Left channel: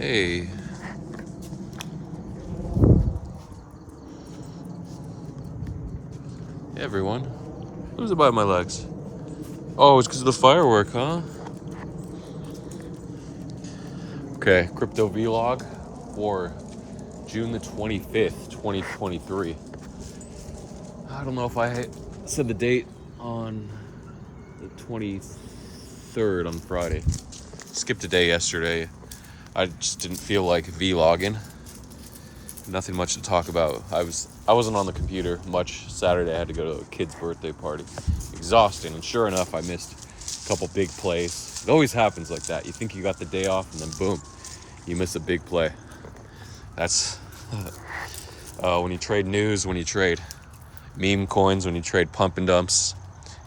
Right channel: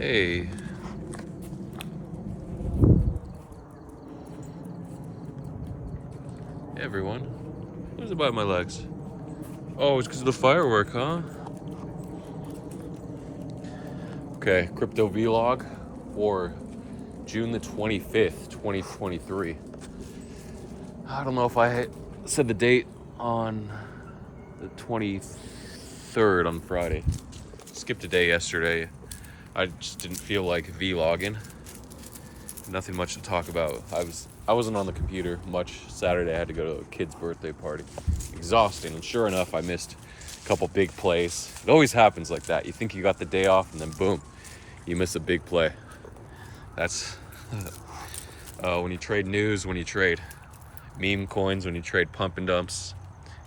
Hey. Hey everyone. Who's about my legs? Oh, it's because of the firework, huh? Okay, crypto vlog for June the 25th, 2023. I don't know if I said the date on the 23rd on Friday. Skipped a day yesterday. I just didn't feel like vlogging. Nothing much to talk about. I wasn't on the computer much Saturday. I had to go to a kid's birthday party. Exhausting, and sure enough, I missed a couple big plays. It always happens like that. You think you got the day off, and then boom, you miss a big play. That's when you trade news, when you trade meme coins, when you trade pump and dumps.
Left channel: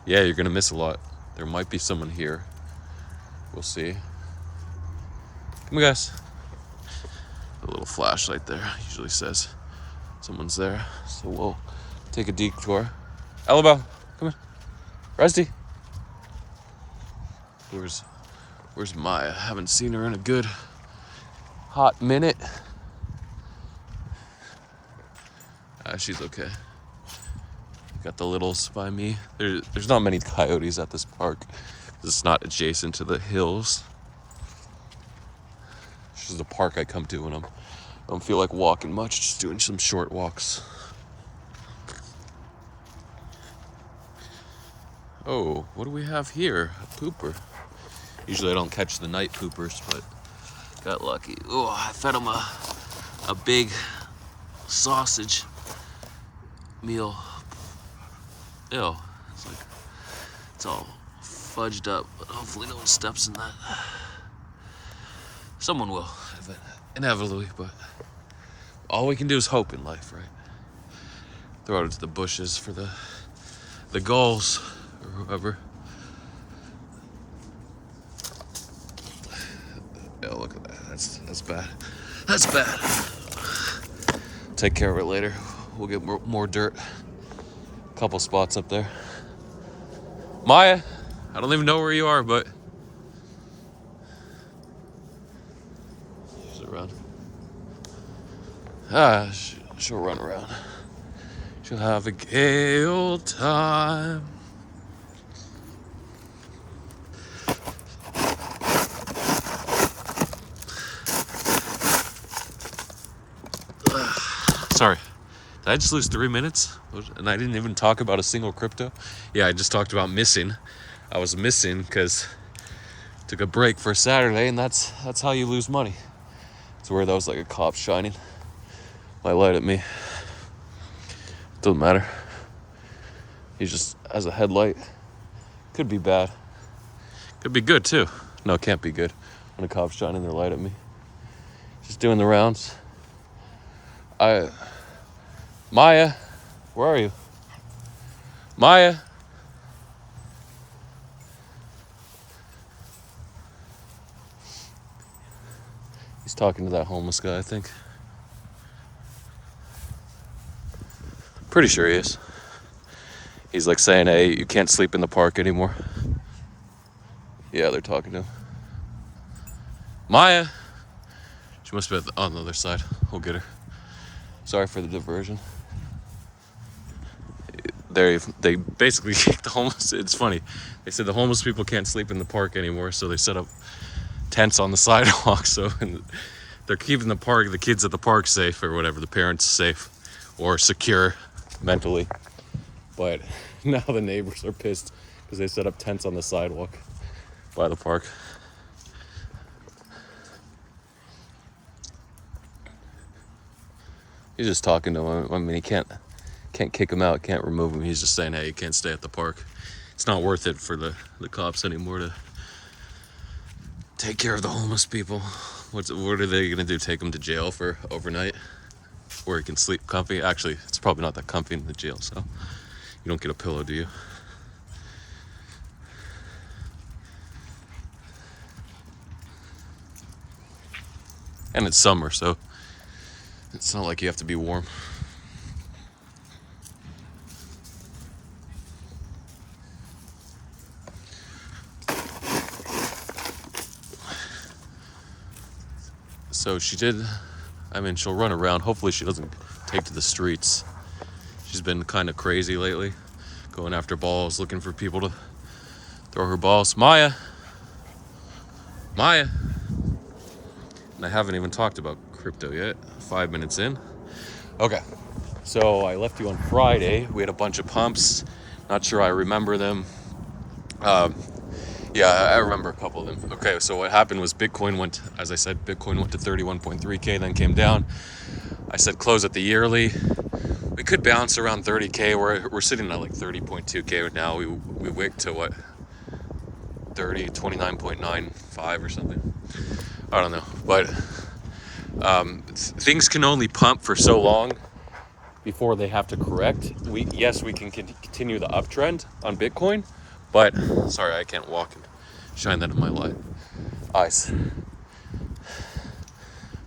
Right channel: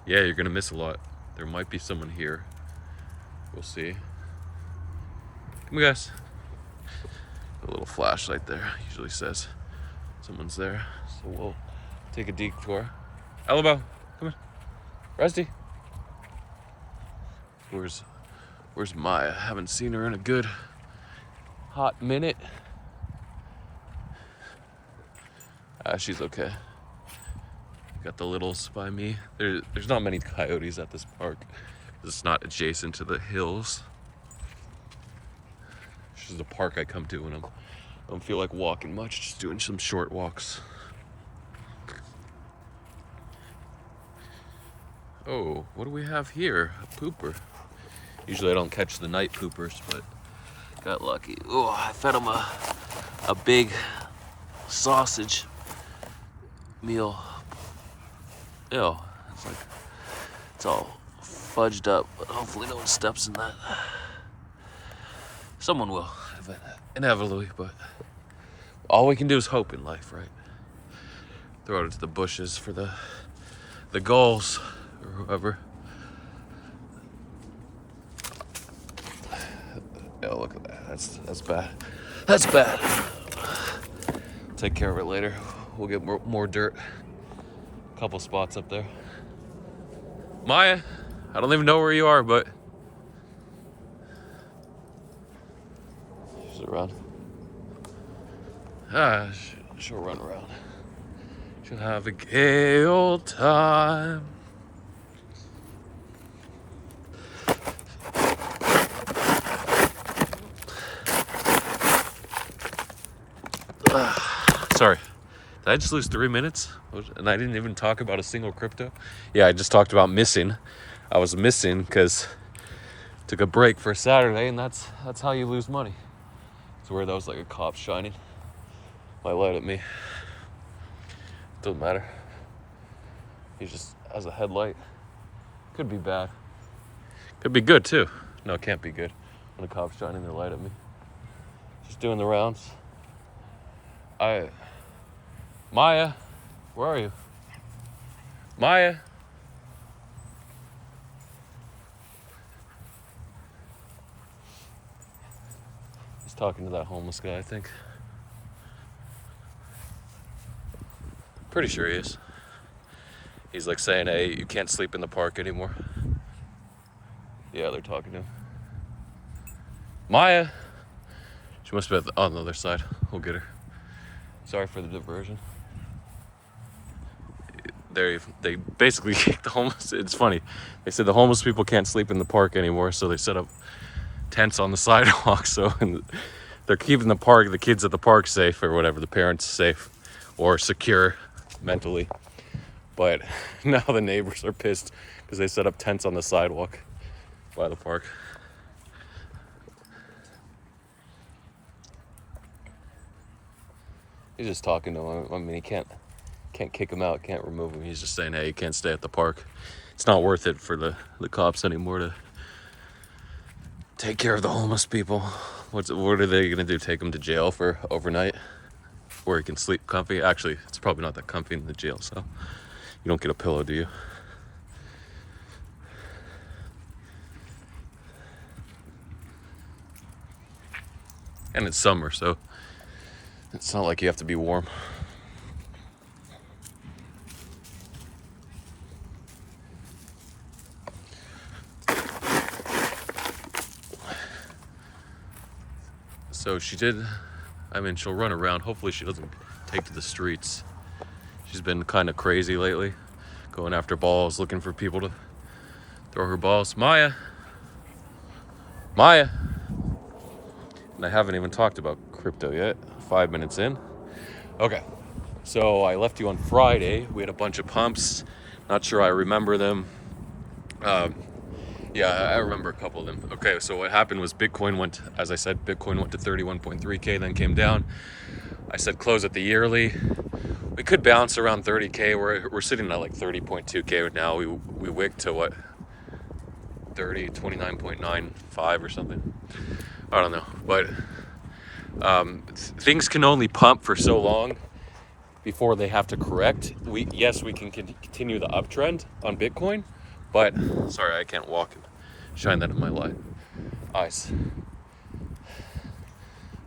Yeah, you're gonna miss a lot. There might be someone here. We'll see. Come on, guys. A little flashlight there usually says someone's there, so we'll take a detour. Alabama, come on. Rusty. Where's Maya? Haven't seen her in a good hot minute. She's okay. Got the littles by me. There's not many coyotes at this park. It's not adjacent to the hills. This is the park I come to when I don't feel like walking much, just doing some short walks. Oh, what do we have here? A pooper. Usually I don't catch the night poopers, but got lucky. Oh, I fed him a big sausage meal. Ew, it's all fudged up, but hopefully no one steps in that. Someone will, inevitably, but all we can do is hope in life, right? Throw it into the bushes for the gulls or whoever. Oh, look at that. That's bad. That's bad. Take care of it later. We'll get more dirt. Couple spots up there. Maya, I don't even know where you are, but she's around. She'll run around. She'll have a gay old time. Sorry, did I just lose 3 minutes? And I didn't even talk about a single crypto? Yeah, I just talked about missing. I was missing because I took a break for Saturday, and that's how you lose money. It's where that was like a cop shining. Might light at me. Doesn't matter. He just has a headlight. Could be bad. Could be good too. No, it can't be good. When a cop's shining their light at me. Just doing the rounds. Maya, where are you? Maya. He's talking to that homeless guy, I think. Pretty sure he is. He's like saying, hey, you can't sleep in the park anymore. Yeah, they're talking to him. Maya. She must be on the other side. We'll get her. Sorry for the diversion. They basically kicked the homeless. It's funny. They said the homeless people can't sleep in the park anymore, so they set up tents on the sidewalk. So they're keeping the kids at the park safe, or whatever, the parents safe or secure mentally. But now the neighbors are pissed because they set up tents on the sidewalk by the park. He's just talking to him. I mean, he can't kick him out, can't remove him. He's just saying, hey, you can't stay at the park. It's not worth it for the cops anymore to take care of the homeless people. What are they gonna do? Take him to jail for overnight, where he can sleep comfy? Actually, it's probably not that comfy in the jail, so you don't get a pillow, do you? And it's summer, so it's not like you have to be warm. So she did, I mean, she'll run around. Hopefully she doesn't take to the streets. She's been kind of crazy lately, going after balls, looking for people to throw her balls. Maya. And I haven't even talked about crypto yet. 5 minutes in. Okay. So I left you on Friday. We had a bunch of pumps. Not sure I remember them. Yeah, I remember a couple of them. Okay, so what happened was Bitcoin went, as I said, Bitcoin went to 31.3K, then came down. I said close at the yearly. We could bounce around 30K. We're sitting at like 30.2K now. We wicked to what? 29.95 or something. I don't know. But things can only pump for so long before they have to correct. Yes, we can continue the uptrend on Bitcoin, but sorry, I can't walk and shine that in my eyes.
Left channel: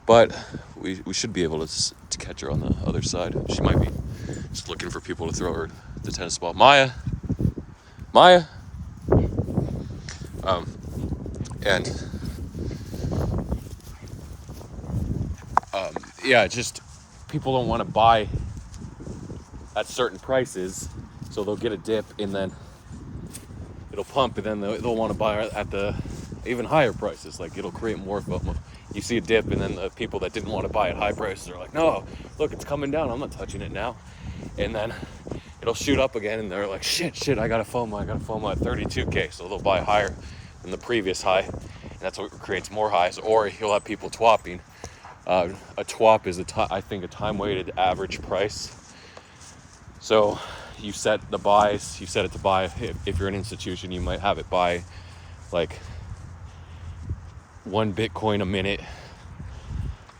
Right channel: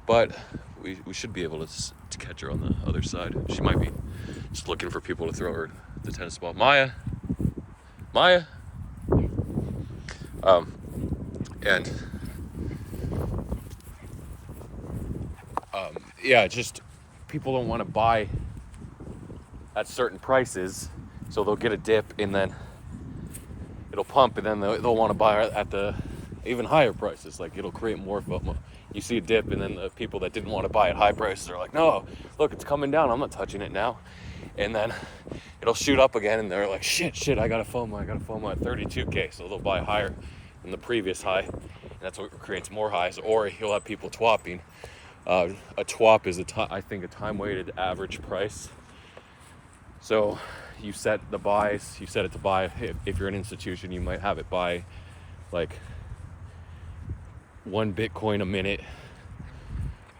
But we should be able to catch her on the other side. She might be just looking for people to throw her the tennis ball. Maya. Yeah, just people don't want to buy at certain prices, so they'll get a dip and then it'll pump, and then they'll want to buy at the even higher prices. Like, it'll create more FOMO. You see a dip, and then the people that didn't want to buy at high prices are like, no, look, it's coming down, I'm not touching it now. And then it'll shoot up again, and they're like, shit, I got a FOMO at 32K, so they'll buy higher than the previous high, and that's what creates more highs. Or you'll have people twapping. A twop is I think a time-weighted average price. So you set the buys, you set it to buy. If you're an institution, you might have it buy like 1 Bitcoin a minute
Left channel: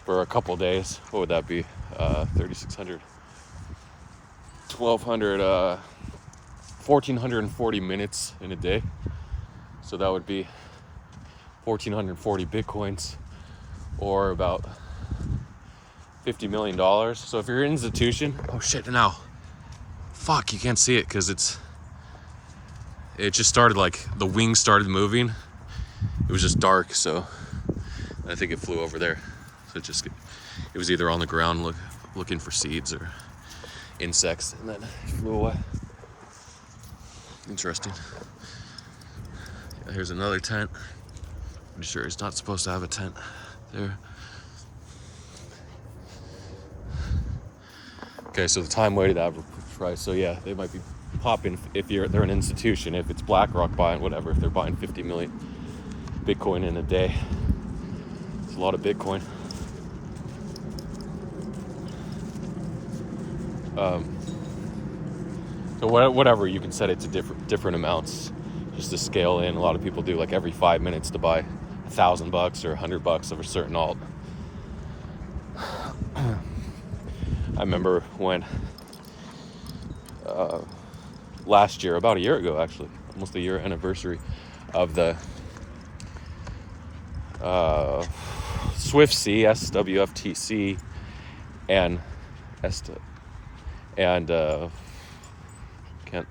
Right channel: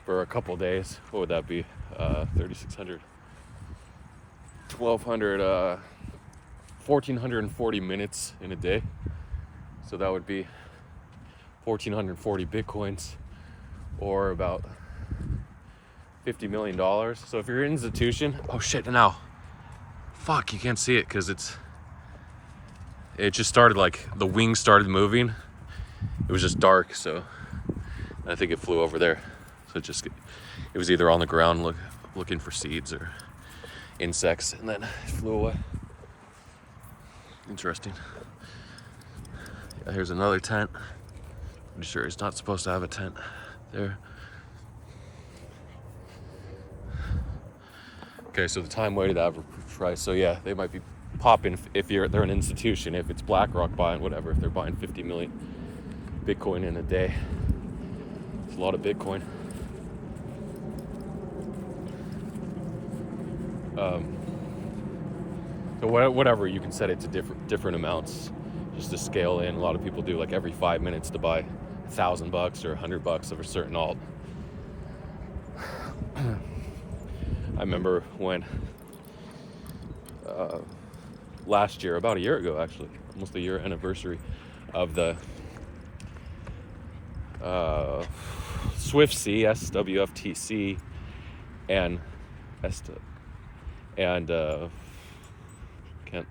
for a couple days. What would that be? 3,600, 1,200, 1,440 minutes in a day. So that would be 1,440 Bitcoins, or about $50 million. So if you're an institution, oh shit, now. Fuck, you can't see it because it just started, like the wings started moving. It was just dark, so I think it flew over there. So it was either on the ground looking for seeds or insects, and then it flew away. Interesting. Yeah, here's another tent. Pretty sure he's not supposed to have a tent there. Okay, so the time-weighted average price. So yeah, they might be popping if they're an institution. If it's BlackRock buying whatever, if they're buying 50 million Bitcoin in a day, it's a lot of Bitcoin. So whatever, you can set it to different amounts just to scale in. A lot of people do like every 5 minutes to buy $1,000 or $100 of a certain alt. I remember when last year, about a year ago actually, almost a year anniversary of the SWIFTC, SWFTC, and can't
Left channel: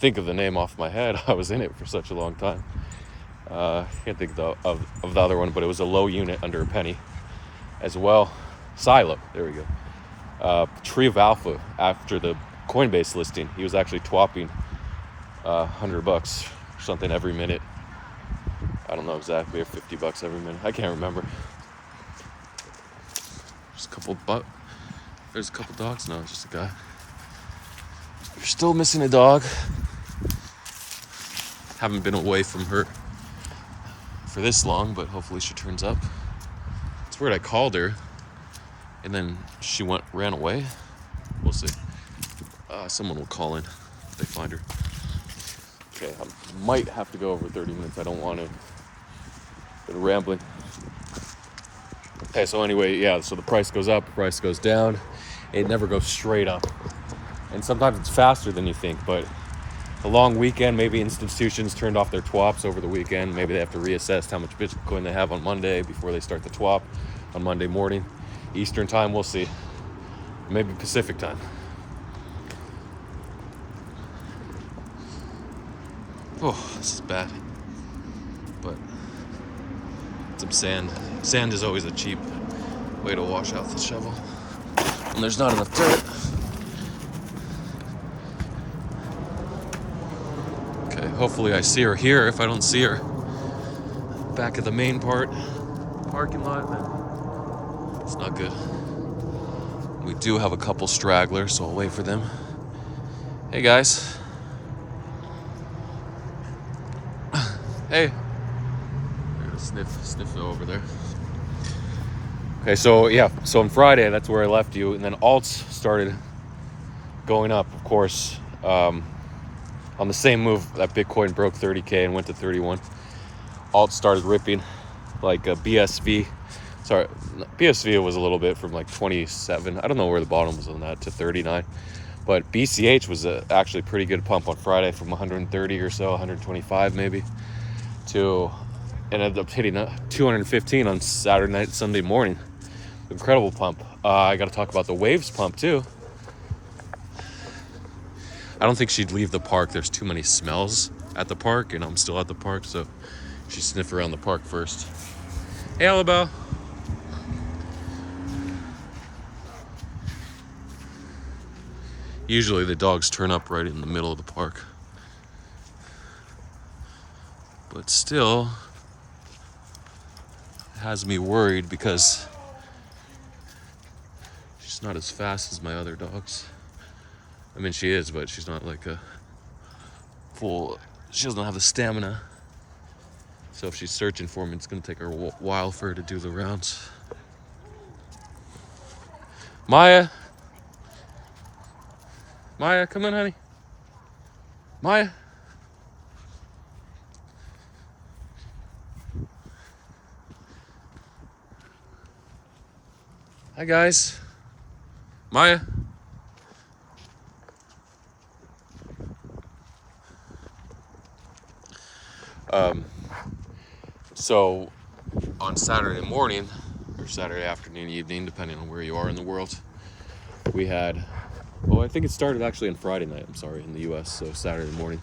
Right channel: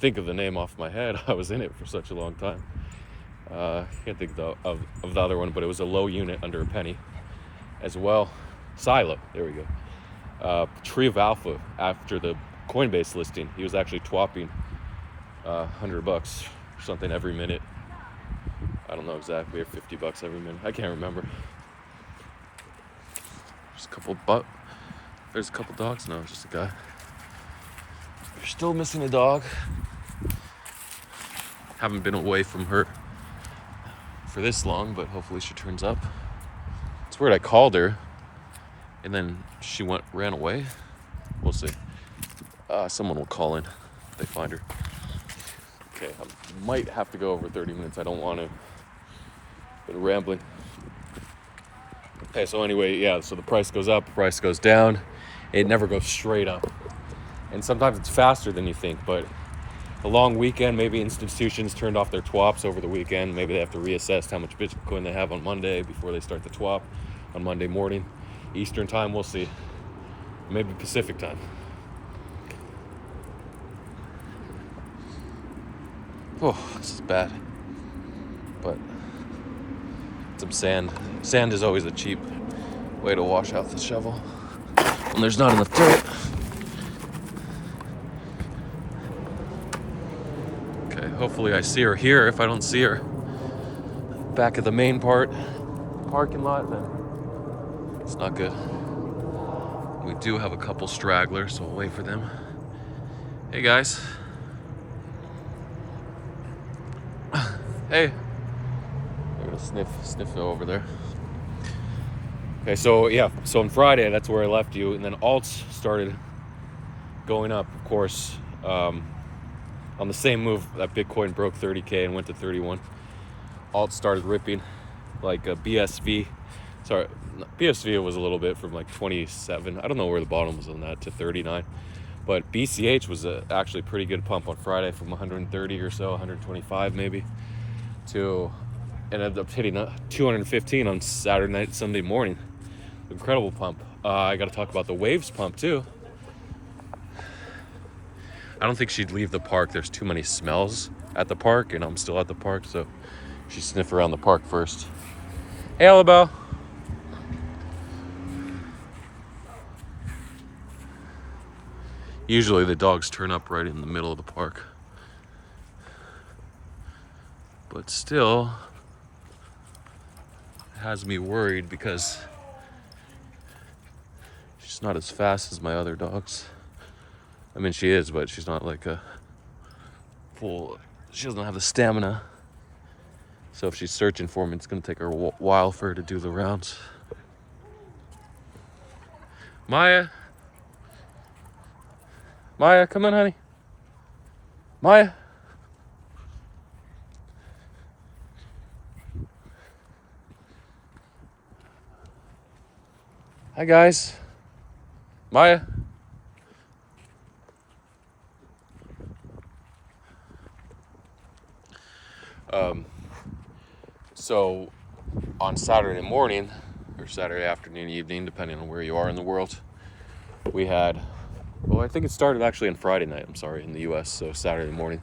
think of the name off my head. I was in it for such a long time. Can't think of the other one, but it was a low unit under a penny as well. Psyop, there we go. Tree of Alpha, after the Coinbase listing, he was actually twapping $100 or something every minute. I don't know exactly, or $50 every minute. I can't remember. There's a couple dogs. No, it's just a guy. We're still missing a dog. Haven't been away from her for this long, but hopefully she turns up. It's weird, I called her and then she ran away. We'll see. Someone will call in if they find her. Okay, I might have to go over 30 minutes. I don't want to. Been rambling. Okay, so anyway, yeah, so the price goes up, the price goes down. It never goes straight up. And sometimes it's faster than you think, but a long weekend, maybe institutions turned off their twaps over the weekend. Maybe they have to reassess how much Bitcoin they have on Monday before they start the twap on Monday morning. Eastern time, we'll see. Maybe Pacific time. Oh, this is bad. But some sand. Sand is always a cheap Way to wash out the shovel. And there's not enough dirt. Okay, hopefully I see her here. If I don't see her back at the main parking lot, then it's not good. We do have a couple stragglers, so I'll wait for them. Hey guys. Hey. I'm gonna sniff over there. Okay, so yeah, so on Friday, that's where I left you, and then alts started going up, of course, on the same move that Bitcoin broke 30K and went to 31. Alts started ripping, like BSV. Sorry, BSV was a little bit from like 27. I don't know where the bottom was on that, to 39. But BCH was actually a pretty good pump on Friday from 130 or so, 125 maybe, to it ended up hitting 215 on Saturday night, Sunday morning. Incredible pump. I got to talk about the waves pump too. I don't think she'd leave the park. There's too many smells at the park, and I'm still at the park, so she'd sniff around the park first. Hey, Alabelle. Usually the dogs turn up right in the middle of the park. But still, it has me worried because she's not as fast as my other dogs. I mean, she is, but she's not like a full, she doesn't have the stamina. So if she's searching for me, it's gonna take her a while for her to do the rounds. Maya, come on, honey. Maya. Hi, guys. Maya. So on Saturday morning, or Saturday afternoon, evening, depending on where you are in the world, we had, well, I think it started actually on Friday night, I'm sorry, in the US. So Saturday morning,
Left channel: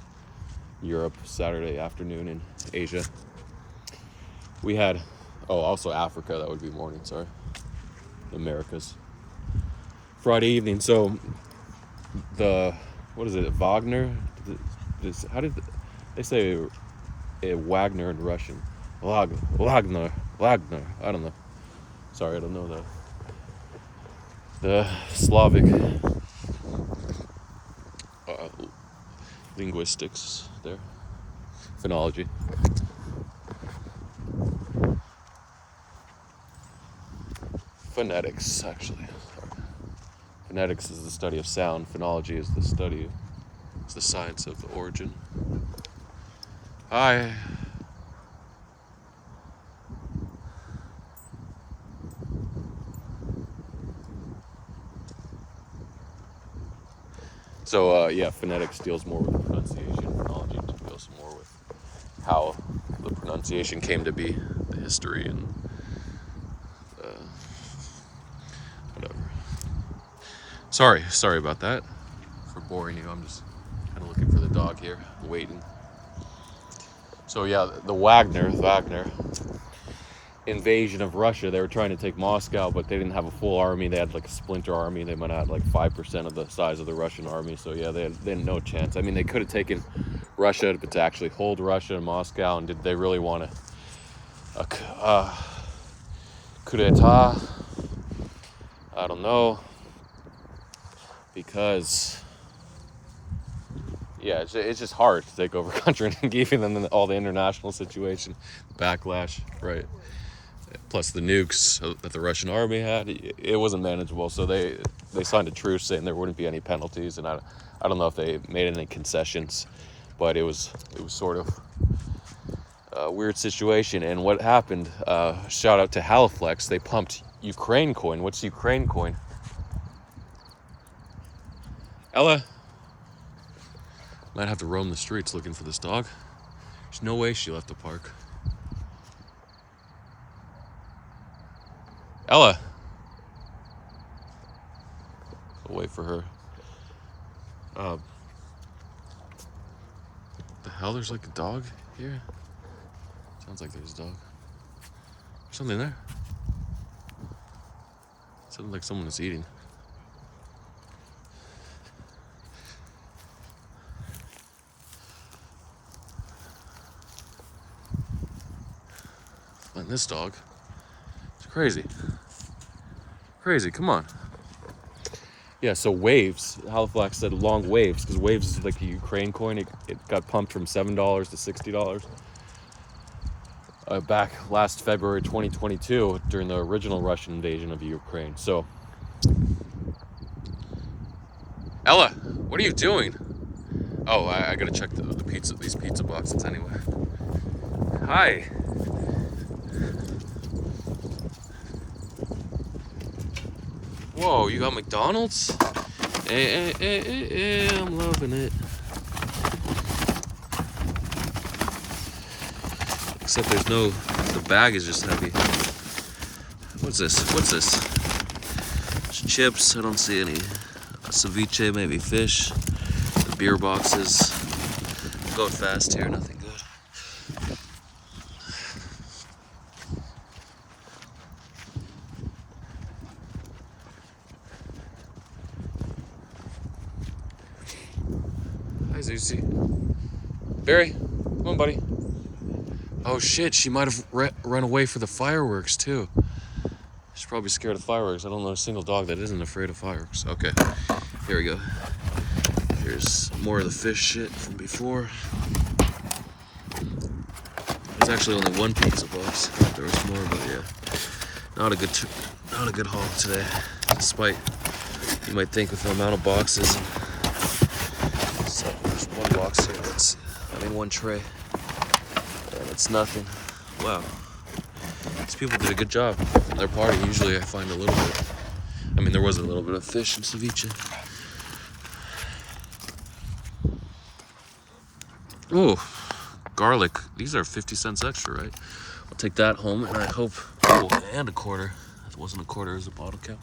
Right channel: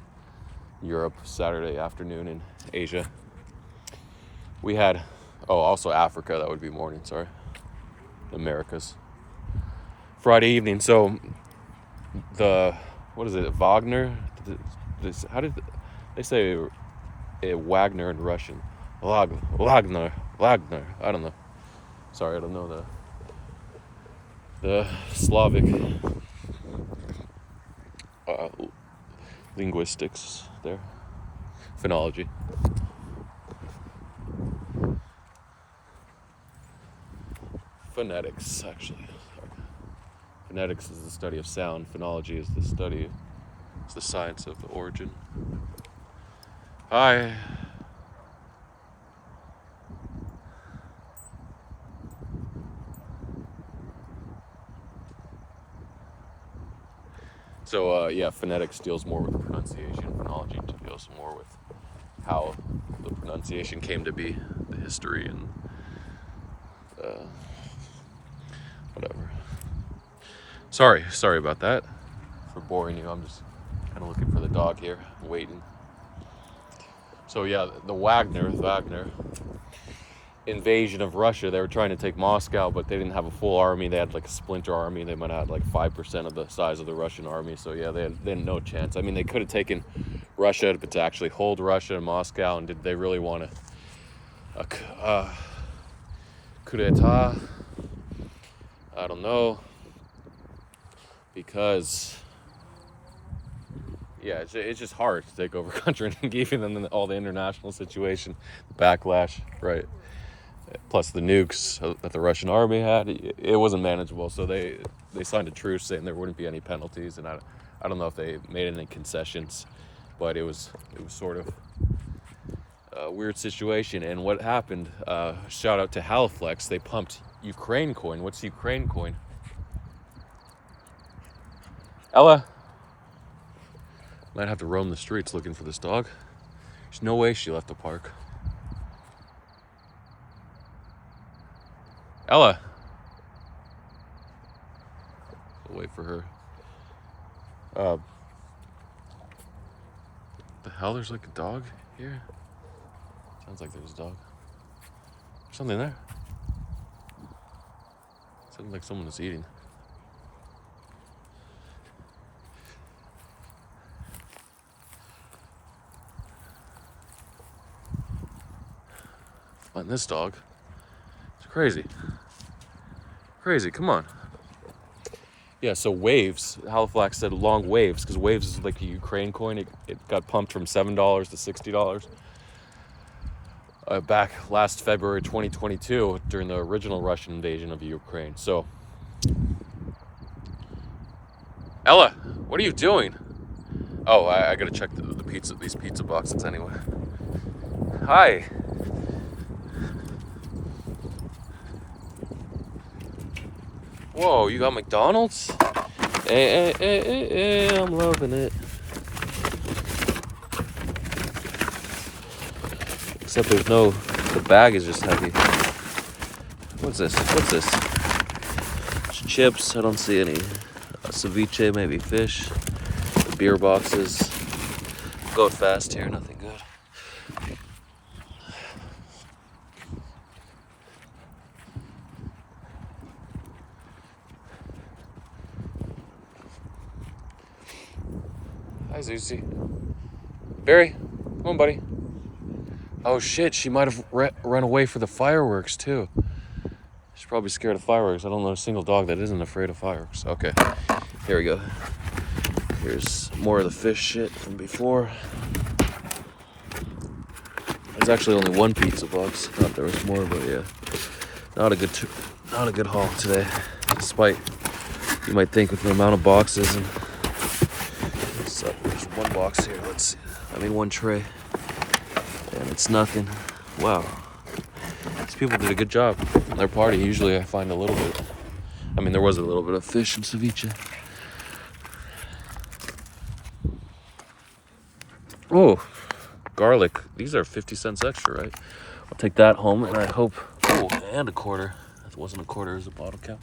Europe, Saturday afternoon in Asia. We had, also Africa, that would be morning, sorry. Americas. Friday evening, so what is it, Wagner? How did they say Wagner in Russian? Wagner. I don't know. Sorry, I don't know the Slavic linguistics there. Phonology. Phonetics, actually. Phonetics is the study of sound. Phonology is the science of the origin. Hi. So, phonetics deals more with the pronunciation. Phonology deals more with how the pronunciation came to be, the history, and whatever. Sorry about that, for boring you. I'm just kind of looking for the dog here, waiting. So, yeah, the Wagner invasion of Russia, they were trying to take Moscow, but they didn't have a full army. They had like a splinter army. They might have had like 5% of the size of the Russian army. So yeah, they had no chance. I mean, they could have taken Russia, but to actually hold Russia and Moscow, and did they really want a coup d'etat? I don't know, because yeah, it's just hard to take over a country and giving them all the international situation, backlash, right? Plus the nukes that the Russian army had, it wasn't manageable. So they signed a truce saying there wouldn't be any penalties, and I don't know if they made any concessions, but it was sort of a weird situation. And what happened? Shout out to Haliflex. They pumped Ukraine coin. What's Ukraine coin? Ella might have to roam the streets looking for this dog. There's no way she left the park. Ella. I'll wait for her. The hell? There's like a dog here? Sounds like there's a dog. There's something there. Sounds like someone is eating. Find this dog. It's crazy. Crazy, come on. Yeah, so waves. Halifax said long waves, because waves is like a Ukraine coin. It got pumped from $7 to $60 back last February 2022 during the original Russian invasion of Ukraine. So, Ella, what are you doing? Oh, I gotta check these pizza boxes anyway. Hi. Whoa, you got McDonald's? I'm loving it. Except there's no, the bag is just heavy. What's this? Chips, I don't see any. Ceviche, maybe fish. The beer boxes. Go fast here, nothing good. Hi, Zuzi. Barry, come on, buddy. Oh shit, she might have run away for the fireworks too. She's probably scared of fireworks. I don't know a single dog that isn't afraid of fireworks. Okay, here we go. Here's more of the fish shit from before. There's actually only one pizza box. Thought there was more, but yeah, not a good haul today. Despite you might think of the amount of boxes. So there's one box here. That's only one tray. It's nothing. Wow. These people did a good job on their party. Usually I find a little bit. I mean, there was a little bit of fish and ceviche. Oh, garlic. These are 50 cents extra, right? I'll take that home, and I hope... Oh, and a quarter. That wasn't a quarter, it was a bottle cap.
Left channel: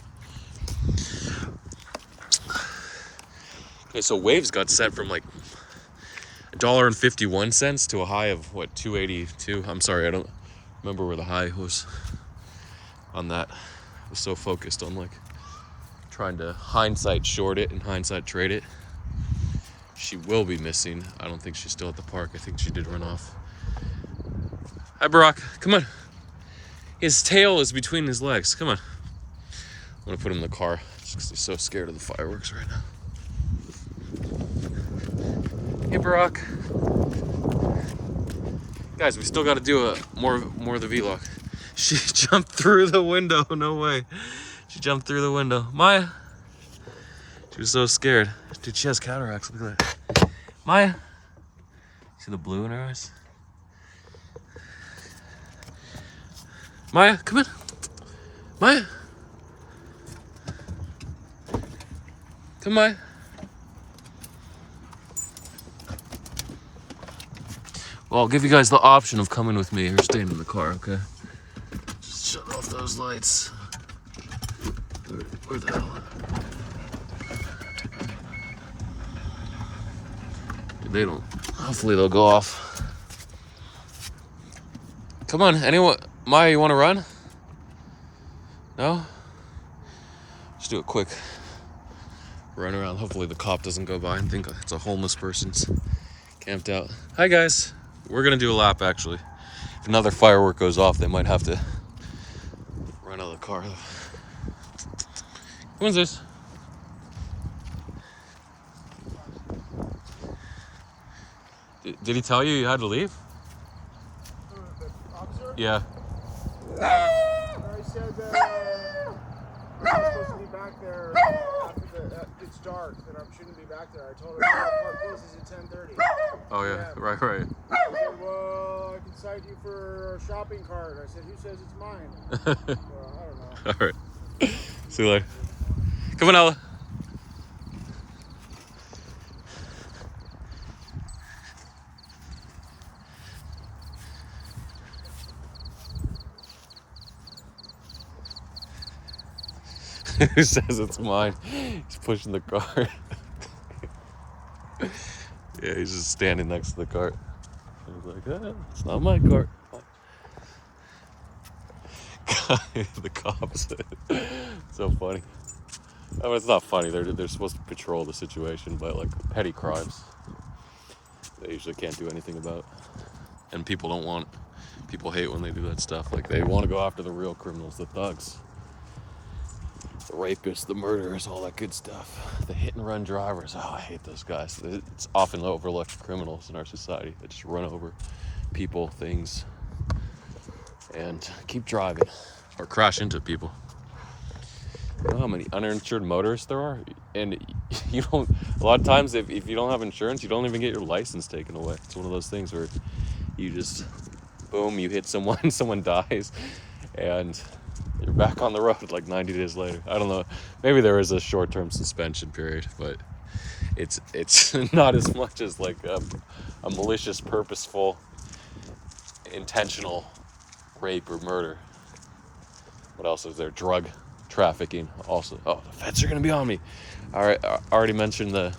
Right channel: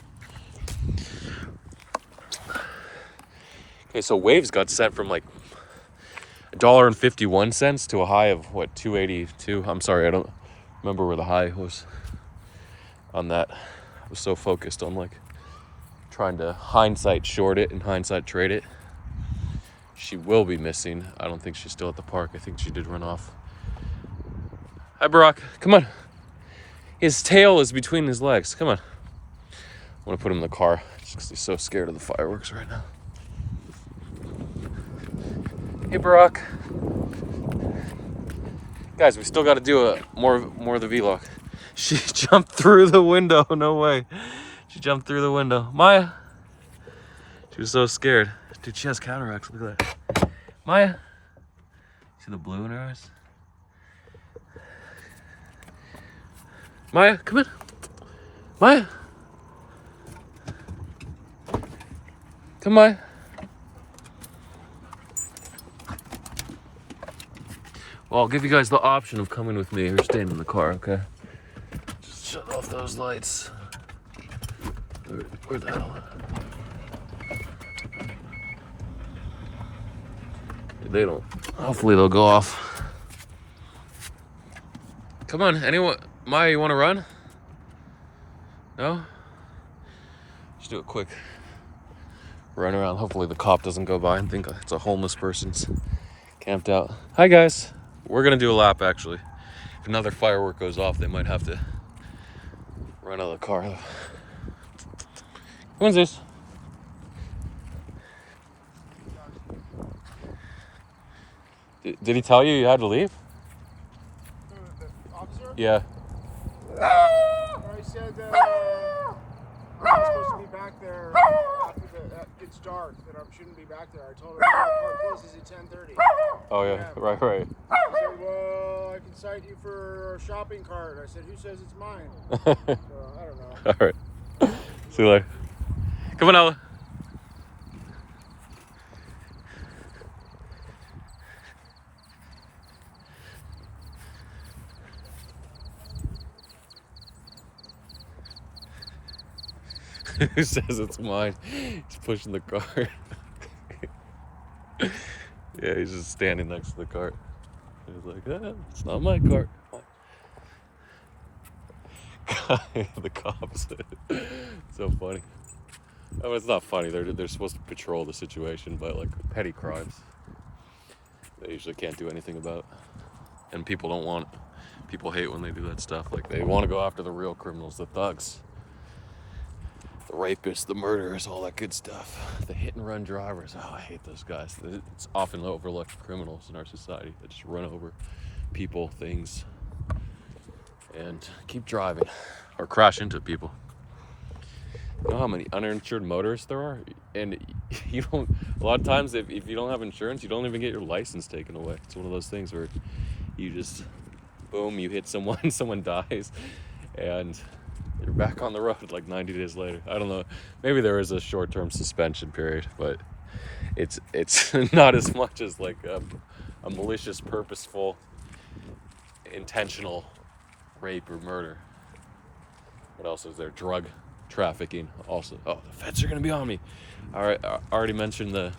Okay, so waves got set from like $1.51 to a high of what, 2.82. I'm sorry, I don't remember where the high was on that. I was so focused on like trying to hindsight short it and hindsight trade it. She will be missing. I don't think she's still at the park. I think she did run off. Hi, Barack. Come on. His tail is between his legs. Come on. I'm gonna put him in the car because he's so scared of the fireworks right now. Hey, Barack. Guys, we still got to do more of the vlog. She jumped through the window. No way. She jumped through the window. Maya. She was so scared. Dude, she has cataracts. Look at that. Maya. See the blue in her eyes? Maya, come in. Maya. Come, Maya. Well, I'll give you guys the option of coming with me or staying in the car, okay? Just shut off those lights. Where the hell? They don't. Hopefully they'll go off. Come on, anyone? Maya, you want to run? No? Just do it quick. Run around. Hopefully the cop doesn't go by and think it's a homeless person's camped out. Hi, guys. We're gonna do a lap, actually. If another firework goes off, they might have to run out of the car. What's this? Did he tell you had to leave? Yeah. I said I'm supposed to be back there after it's dark, that I shouldn't be back there. I told her the park closes at 10:30. Oh yeah, right. I said, well, I can cite you for a shopping cart. I said, who says it's mine? So, I don't know. All right. See you later. Come on, Ella. Who says it's mine? He's pushing the cart. Yeah, he's just standing next to the cart. He's like, it's not my cart. The cops. So funny. I mean, it's not funny. They're supposed to patrol the situation, but like petty crimes, they usually can't do anything about. And people hate when they do that stuff. Like they want to go after the real criminals, the thugs, the rapists, the murderers, all that good stuff. The hit and run drivers. Oh, I hate those guys. It's often overlooked criminals in our society that just run over people, things, and keep driving or crash into people. You know how many uninsured motorists there are? And you don't, a lot of times if you don't have insurance, you don't even get your license taken away. It's one of those things where you just, boom, you hit someone, someone dies, and you're back on the road like 90 days later. I don't know, maybe there is a short-term suspension period, but it's not as much as like a malicious, purposeful, intentional rape or murder. What else is there? Drug trafficking also. Oh, the feds are gonna be on me. All right, I already mentioned the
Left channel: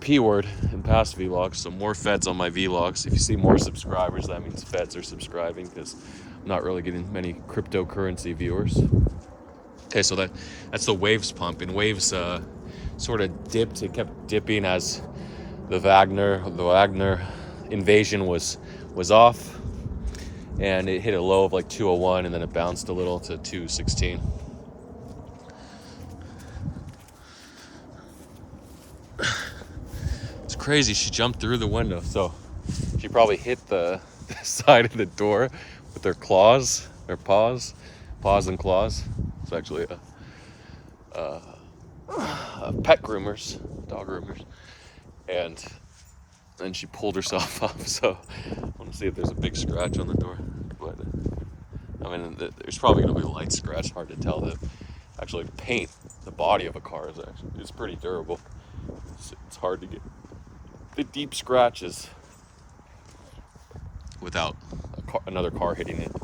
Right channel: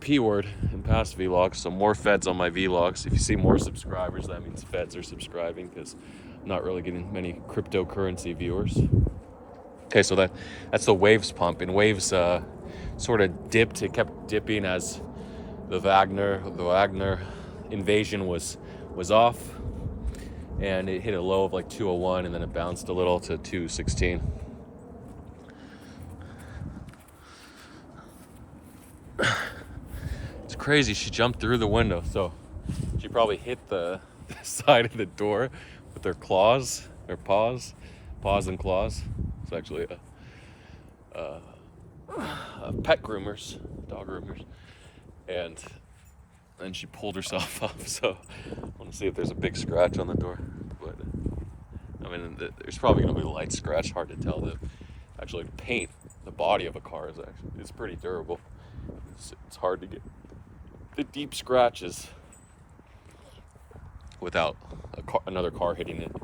P word in past vlogs, so more feds on my vlogs. If you see more subscribers, that means feds are subscribing, because I'm not really getting many cryptocurrency viewers. Okay, so that's the Waves pump, and Waves sort of dipped. It kept dipping as the Wagner invasion was off, and it hit a low of like 201, and then it bounced a little to 216. It's crazy. She jumped through the window, so she probably hit the side of the door with her claws, her paws and claws. It's actually a pet groomers, dog groomers, and then she pulled herself up. So I want to see if there's a big scratch on the door, but I mean, there's probably gonna be a light scratch. Hard to tell. Actually, paint the body of a car is pretty durable. It's hard to get the deep scratches without another car hitting it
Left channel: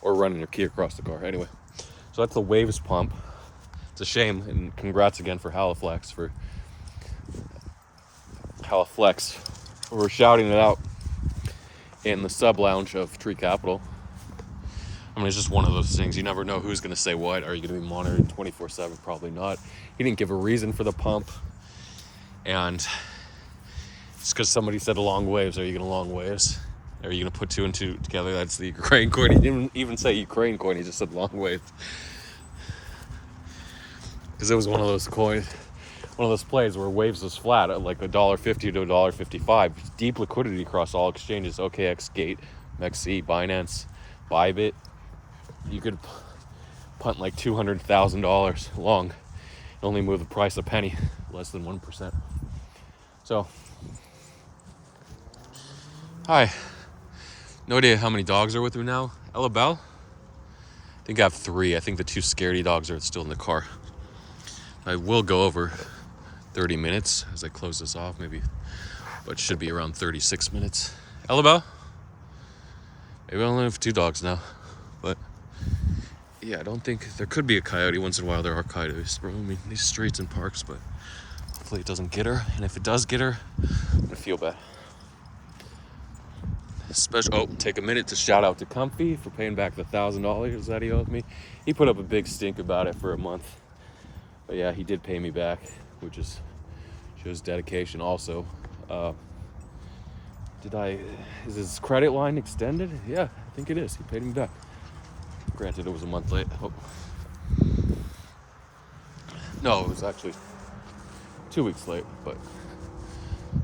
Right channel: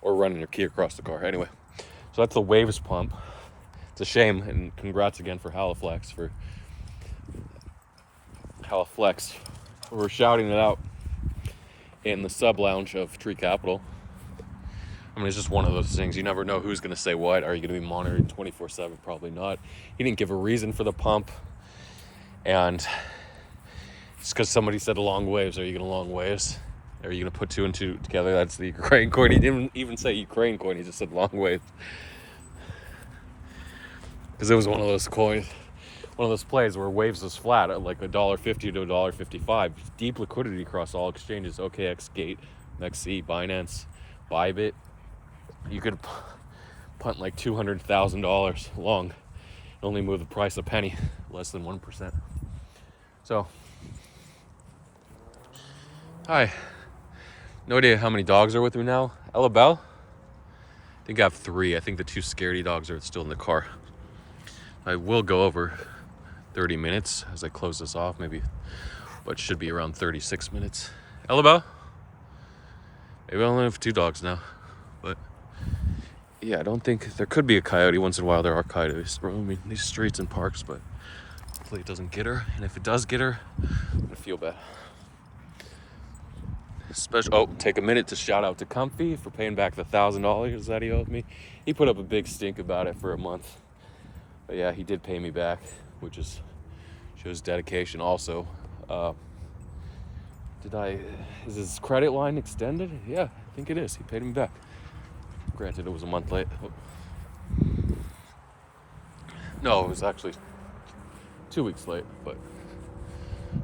or running your key across the car. Anyway, so that's the Waves pump. It's a shame, and congrats again for Haliflex We're shouting it out in the sub lounge of Tree Capital. I mean, it's just one of those things. You never know who's going to say what. Are you going to be monitored 24/7? Probably not. He didn't give a reason for the pump. And just because somebody said long waves, are you going to long waves? Are you going to put two and two together? That's the Ukraine coin. He didn't even say Ukraine coin. He just said long waves. Because it was one of those plays where Waves was flat at like $1.50 to $1.55. Deep liquidity across all exchanges. OKX, Gate, MEXC, Binance, Bybit. You could punt like $200,000 long. It only move the price a penny, less than 1%. So, hi. No idea how many dogs are with me now. Ella Bell? I think I have 3. I think the 2 scaredy dogs are still in the car. I will go over 30 minutes as I close this off, maybe, but it should be around 36 minutes. Ella Bell? Maybe I only have 2 dogs now, but yeah, I don't think there could be a coyote. Once in a while there are coyotes roaming these streets and parks, but hopefully it doesn't get her. And if it does get her, I'm gonna feel bad. Take a minute to shout out to Comfy for paying back the $1,000 that he owed me. He put up a big stink about it for a month, but yeah, he did pay me back, which shows dedication. Also, is his credit line extended? Yeah, I think it is. He paid me back. Granted, it was a month late. Oh. No, it was actually 2 weeks late, but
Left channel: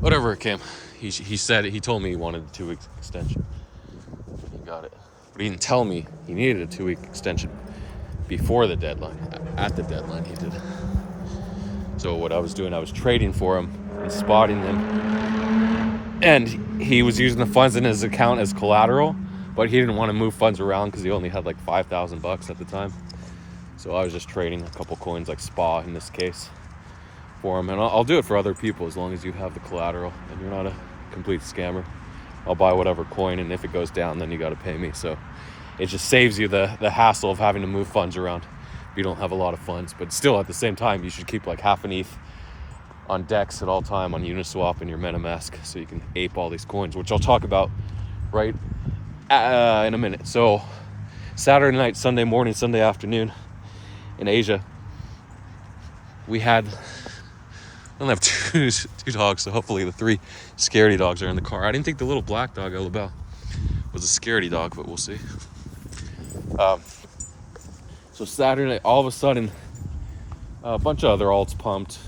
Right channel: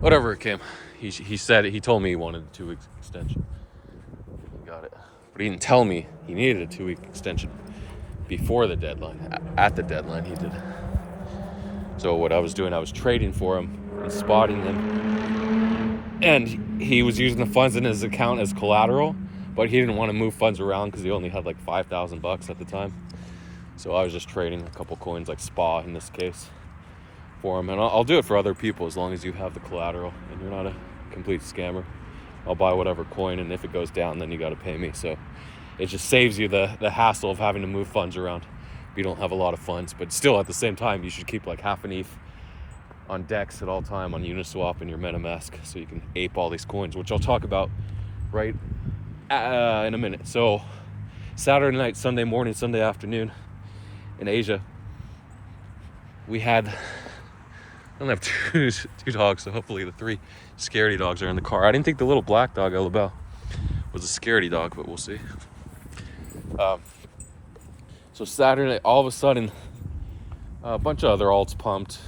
whatever it came. He told me he wanted a 2-week extension. He got it. But he didn't tell me he needed a 2-week extension before the deadline. At the deadline, he did. So what I was doing, I was trading for him and spotting them. And he was using the funds in his account as collateral, but he didn't want to move funds around because he only had like $5,000 at the time. So I was just trading a couple coins, like SPA in this case, for him. And I'll do it for other people as long as you have the collateral and you're not a complete scammer. I'll buy whatever coin, and if it goes down, then you got to pay me. So it just saves you the hassle of having to move funds around if you don't have a lot of funds. But still, at the same time, you should keep like half an ETH on DEX at all time on Uniswap and your MetaMask, so you can ape all these coins, which I'll talk about right in a minute. So Saturday night, Sunday morning, Sunday afternoon in Asia, we had, I only have two dogs, so hopefully the 3 scaredy dogs are in the car. I didn't think the little black dog, Elabelle, was a scaredy dog, but we'll see. So Saturday night, all of a sudden, a bunch of other alts pumped.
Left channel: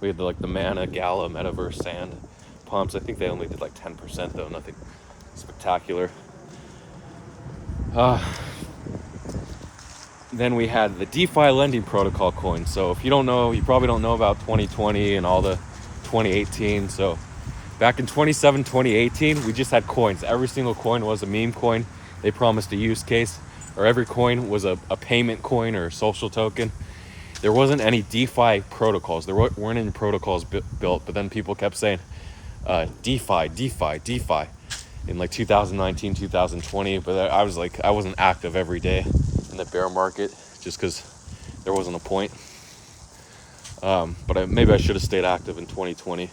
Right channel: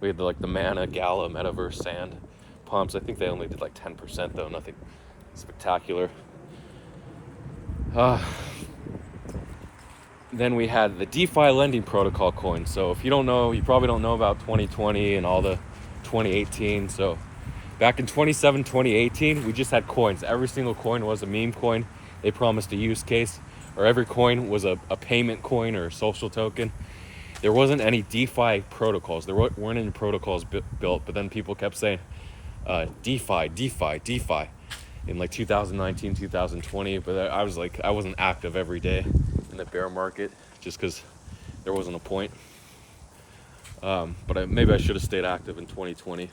We had the Mana, Gala, Metaverse, Sand pumps. I think they only did like 10% though, nothing spectacular. Then we had the DeFi lending protocol coin. So if you don't know, you probably don't know about 2020 and all the 2018. So back in 2018, we just had coins. Every single coin was a meme coin. They promised a use case, or every coin was a payment coin or a social token. There wasn't any DeFi protocols. There weren't any protocols built, but then people kept saying DeFi in like 2019, 2020. But I wasn't active every day in the bear market just because there wasn't a point. But maybe I should have stayed active in 2020.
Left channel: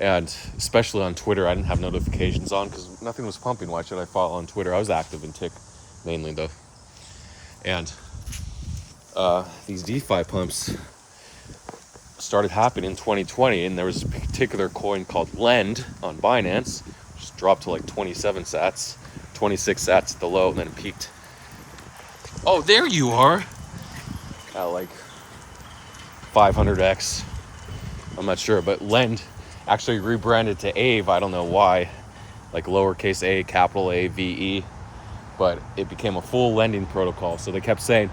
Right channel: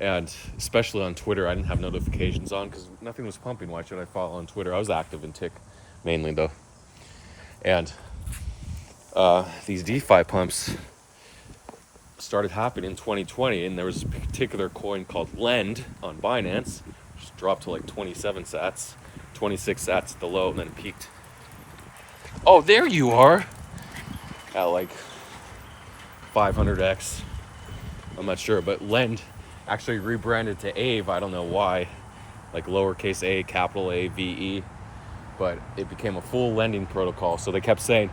And especially on Twitter, I didn't have notifications on because nothing was pumping. Why should I follow on Twitter? I was active in Tick mainly though. And these DeFi pumps started happening in 2020, and there was a particular coin called Lend on Binance, which dropped to like 27 sats, 26 sats at the low, and then peaked. Oh, there you are! At like 500x. I'm not sure, but Lend actually rebranded to aave. I don't know why, like lowercase a, capital A, VE, but it became a full lending protocol. So they kept saying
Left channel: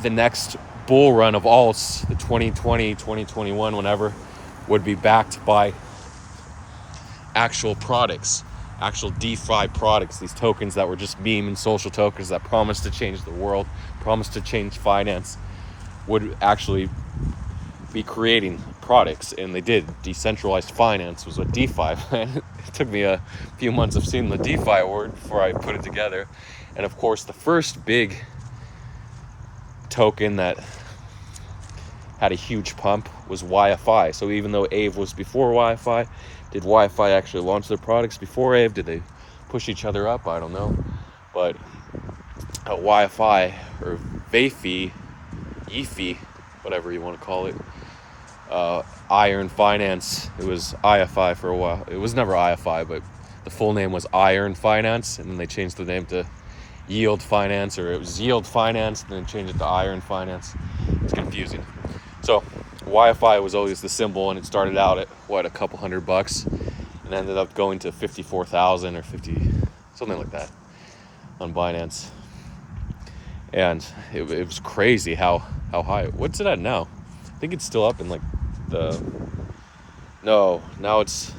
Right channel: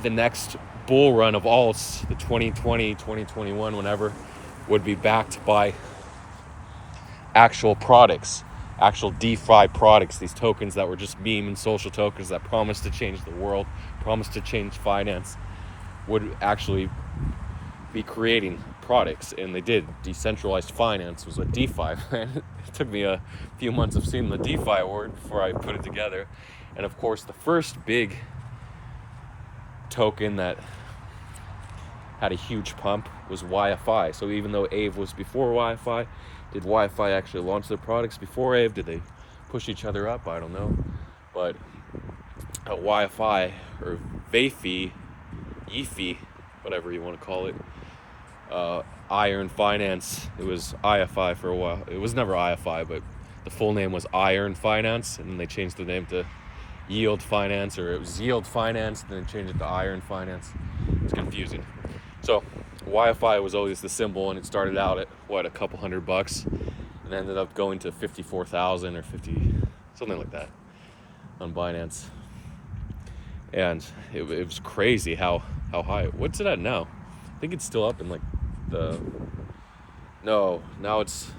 the next bull run of alts, the 2020, 2021, whenever, would be backed by actual products, actual DeFi products, these tokens that were just meme and social tokens that promised to change the world, promised to change finance, would actually be creating products. And they did. Decentralized finance was what DeFi. It took me a few months of seeing the DeFi word before I put it together. And of course, the first big token that had a huge pump was YFI. So even though aave was before YFI, did YFI actually launch their products before aave? Did they push each other up? I don't know. But YFI, or VeFi, YFI, whatever you want to call it, Iron Finance, it was IFI for a while. It was never IFI, but the full name was Iron Finance, and then they changed the name to Yield Finance, or it was Yield Finance, and then changed it to Iron Finance. It's confusing. So YFI was always the symbol, and it started out at a couple $100, and ended up going to 54,000 or 50, something like that, on Binance. And it was crazy how high. What's it at now? I think it's still up in like now it's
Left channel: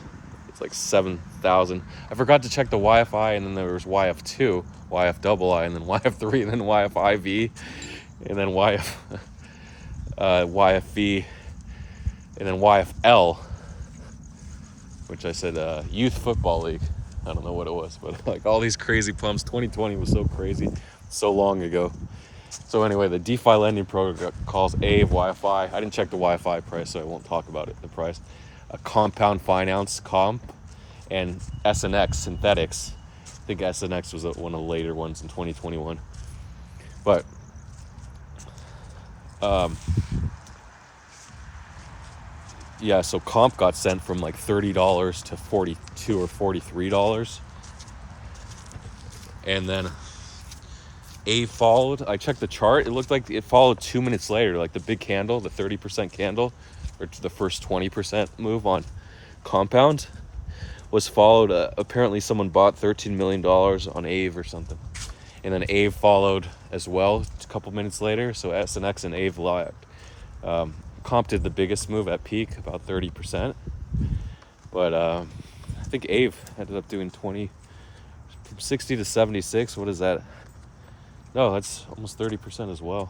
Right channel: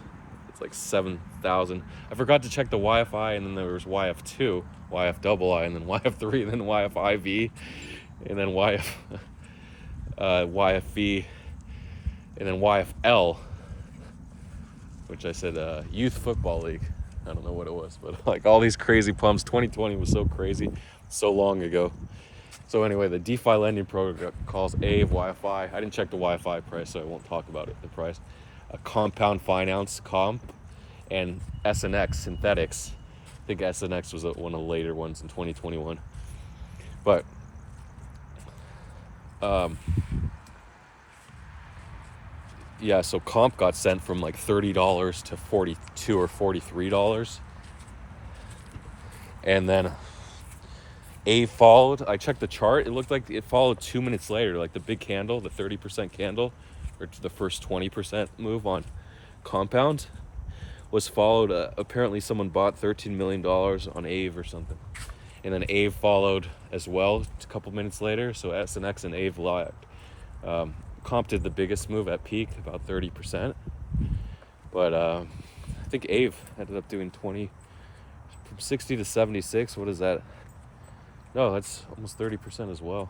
like 7,000. I forgot to check the YFI, and then there was YF2, YFII, and then YF3, and then YFIV, and then YFV, and then YFL, which I said Youth Football League. I don't know what it was, but like all these crazy pumps. 2020 was so crazy, so long ago. So anyway, the DeFi lending protocols aave, YFI. I didn't check the YFI price, so I won't talk about it, the price. Compound Finance, Comp, and SNX, Synthetics. I think SNX was one of the later ones in 2021. But yeah, so Comp got sent from like $30 to $42 or $43. And then aave followed. I checked the chart. It looked like it followed 2 minutes later, like the big candle, the 30% candle, or the first 20% move on Compound was followed. Apparently someone bought $13 million on aave or something. And then aave followed as well a couple minutes later. So SNX and aave lagged. Comp did the biggest move at peak, about 30%. But I think aave ended up doing 20, from 60 to 76. What is that? No, that's almost 30% as well.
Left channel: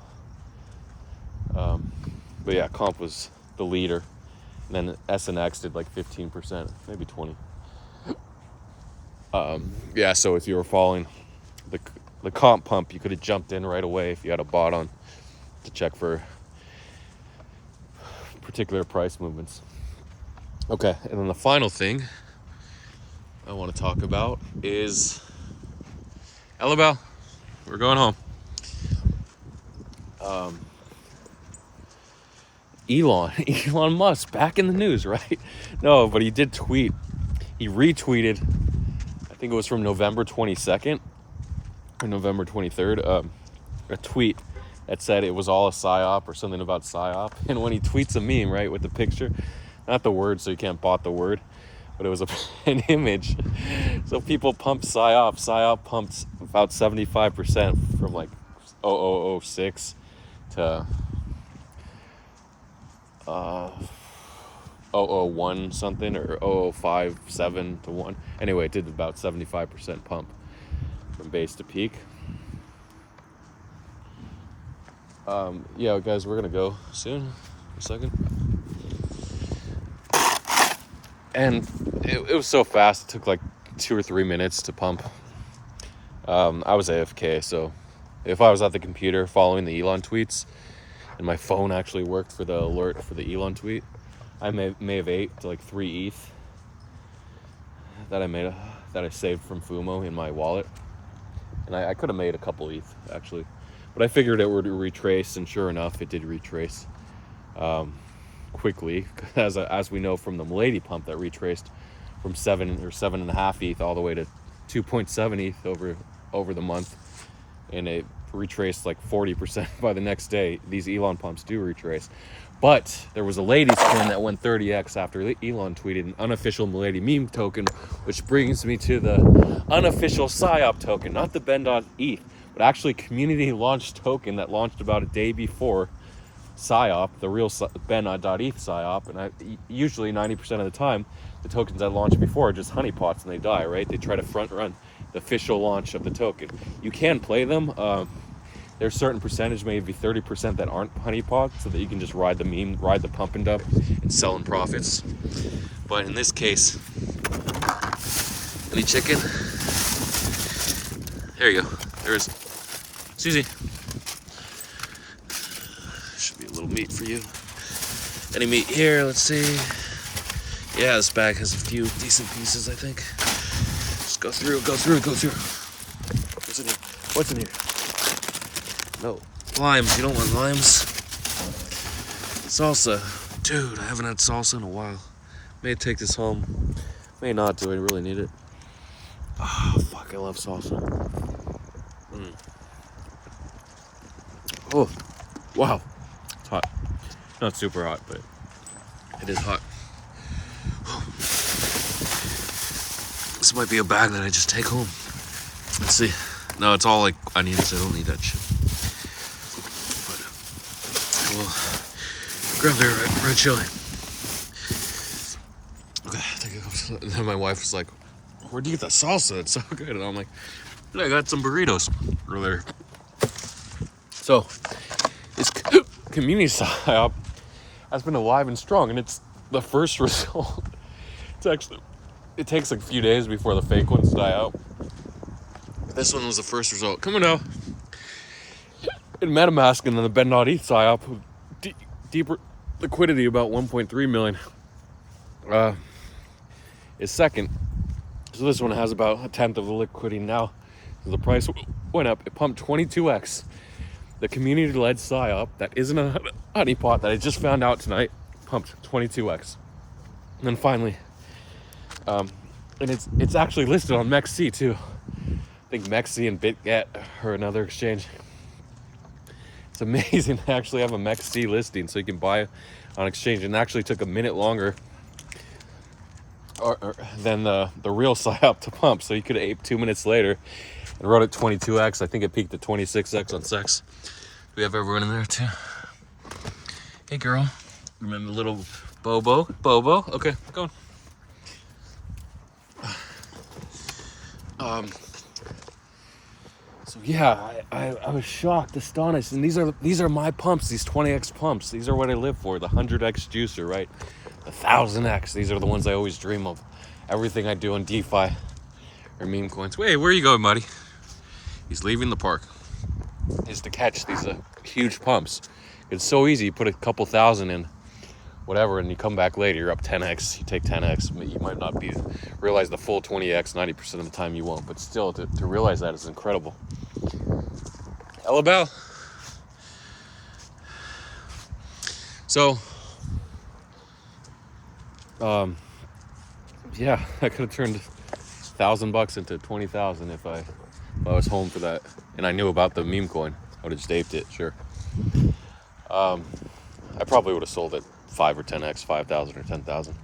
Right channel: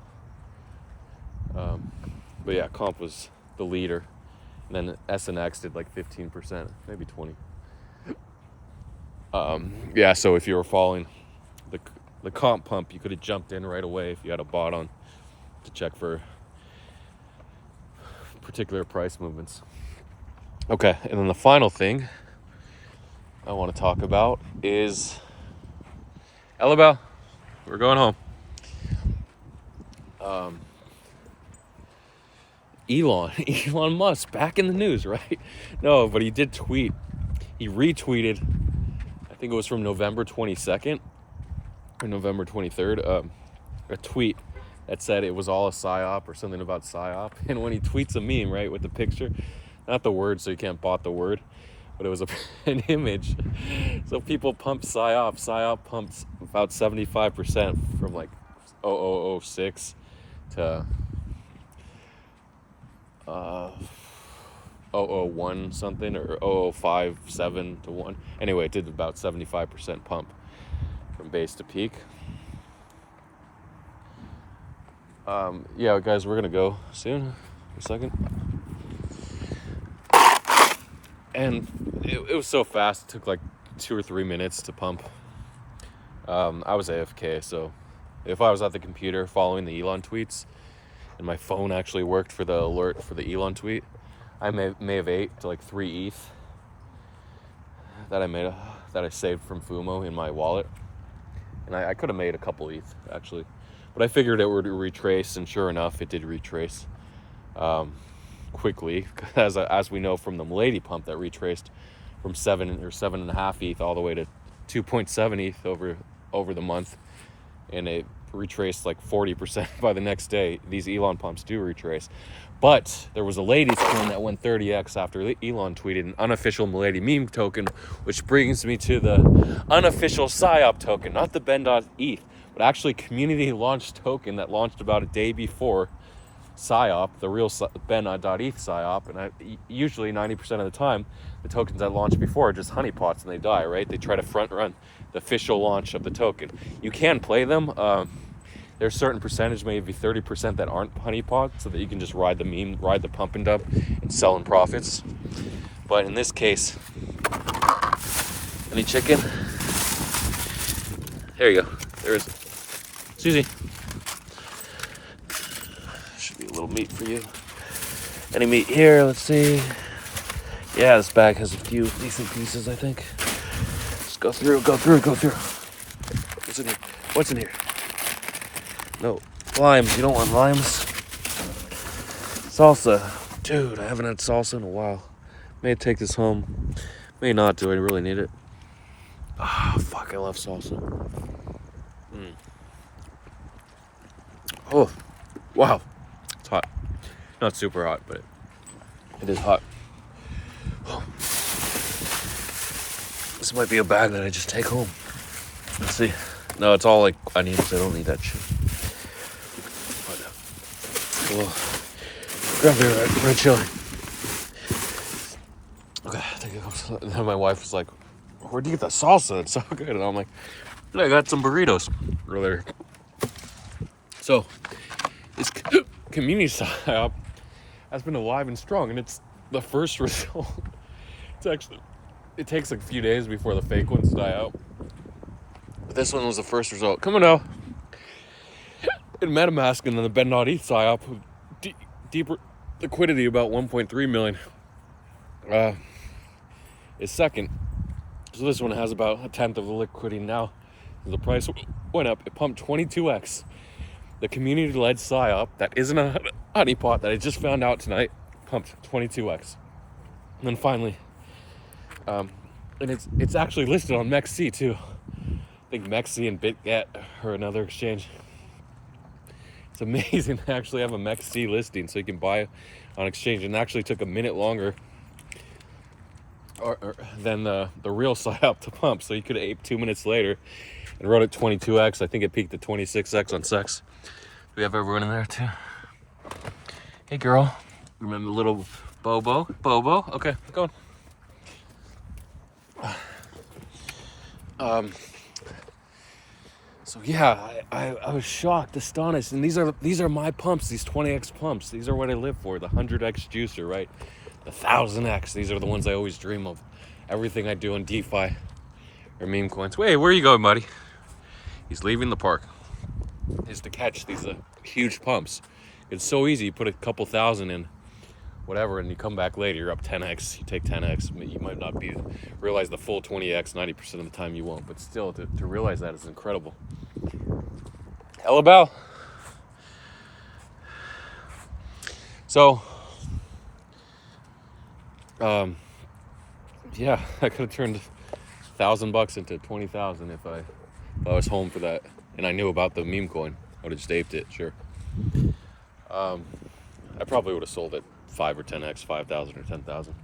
But yeah, Comp was the leader. And then SNX did like 15%, maybe 20. Yeah, so if you were following the Comp pump, you could have jumped in right away if you had a bot on to check for particular price movements. Okay, and then the final thing I want to talk about is Ella, we're going home. Elon Musk back in the news, right? No, but he did tweet. He retweeted, I think it was from November 22nd or November 23rd, a tweet that said it was all a psyop or something about psyop. And when he tweets a meme, right, with the picture, not the word, so you can't bot the word, but it was an image. So people pump psyop. Psyop pumps about 75% from like 0006 to 001 something, or 0057 to 1. Anyway, it did about 75% pump from base to peak. Yeah, guys, we're gonna go soon. A second. And it was so fast, it took like 2 or 3 minutes to pump. I was AFK, so if I was at the computer following the Elon tweets and my phone actually worked for the alert for the Elon tweet, I may have ate to like 3 ETH that I saved from Fumo in my wallet. And I could have made a couple ETH actually, but I figured it would retrace, and sure enough, it did retrace quickly, as we know from the Milady pump that retraced from 7 or 7.5 ETH all the way to 2.7 ETH over the month, and it retraced like 40% by the next day. These Elon pumps do retrace, but there was a lady's coin that went 30x after Elon tweeted an unofficial Milady meme token, which brings me to the unofficial psyop token, not the Ben.eth, but actually community launched token that launched about a day before psyop, the real Ben.eth psyop. And usually 90% of the time, the tokens that launch before are just honeypots and they die, right? They try to front run the official launch of the token. You can play them. There's a certain percentage, maybe 30%, that aren't honeypots, so that you can just ride the meme, ride the pump and dump, and sell in profits. But in this case, any chicken? There you go. There's Susie. Should be a little meat for you. Any meat here? Let's see. Yeah, this bag has a few decent pieces, I think. Just go through. What's in here? What's in here? No. Limes. You don't want limes? Salsa. Dude, I haven't had salsa in a while. May take this home. May not. Do I really need it? Oh, fuck. I love salsa. Oh, wow. It's hot. Not super hot, but it is hot. This might be a bag that I just take home. Let's see. No, it's all like onions. I don't need that shit. But we'll grab their red chili. Okay. And then my wife was like, "Where'd you get that salsa? It's so good." And I'm like, "I got some burritos earlier." So this community psyop has been alive and strong, and it's the first result. It takes like a few days before the fake ones die out. But this one was the first result. Come on now. In MetaMask and then the Ben.eth psyop, deeper liquidity, about 1.3 million, is second. So this one has about a tenth of the liquidity now. The price went up. It pumped 22x. The community-led psyop that isn't a honeypot that I just found out tonight pumped 22x. And then finally, and it's actually listed on MEXC too. I think MEXC and BitGet are another exchange. It's amazing to actually have a MEXC listing so you can buy on exchange. And it actually took a minute longer than the real psyop to pump. So you could have ate 2 minutes later and wrote it 22x. I think it peaked at 26x on Sex. Do we have everyone in there too? Hey girl. Remember little Bobo? Okay, go on. So yeah, I was shocked, astonished, and these are my pumps, these 20x pumps. These are what I live for, the 100x juicer, right? The 1000x. These are the ones I always dream of. Everything I do in DeFi or meme coins. Wait, where are you going, buddy? He's leaving the park. Is to catch these huge pumps. It's so easy. You put a couple thousand in whatever, and you come back later, you're up 10x, you take 10x, you might not realize the full 20x 90% of the time, you won't, but still, to realize that is incredible. Hello, Bell. So, yeah, I could have turned $1,000 into 20,000 if I was home for that, and I knew about the meme coin. I would have just aped it, sure. I probably would have sold it 5 or 10x, 5,000 or 10,000.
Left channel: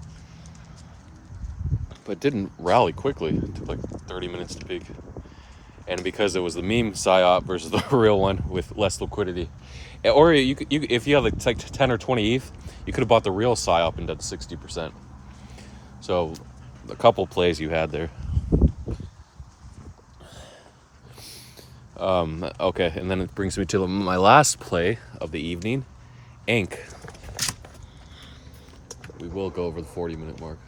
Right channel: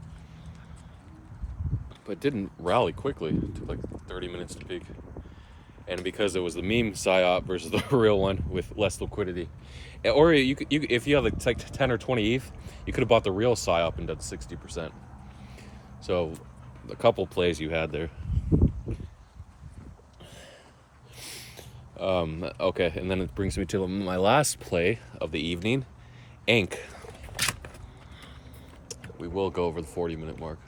But it didn't rally quickly. It took like 30 minutes to peak. And because it was the meme psyop versus the real one with less liquidity. Or if you have like 10 or 20 ETH, you could have bought the real psyop and done 60%. So a couple plays you had there. Okay, and then it brings me to my last play of the evening, Ink. We will go over the 40-minute mark.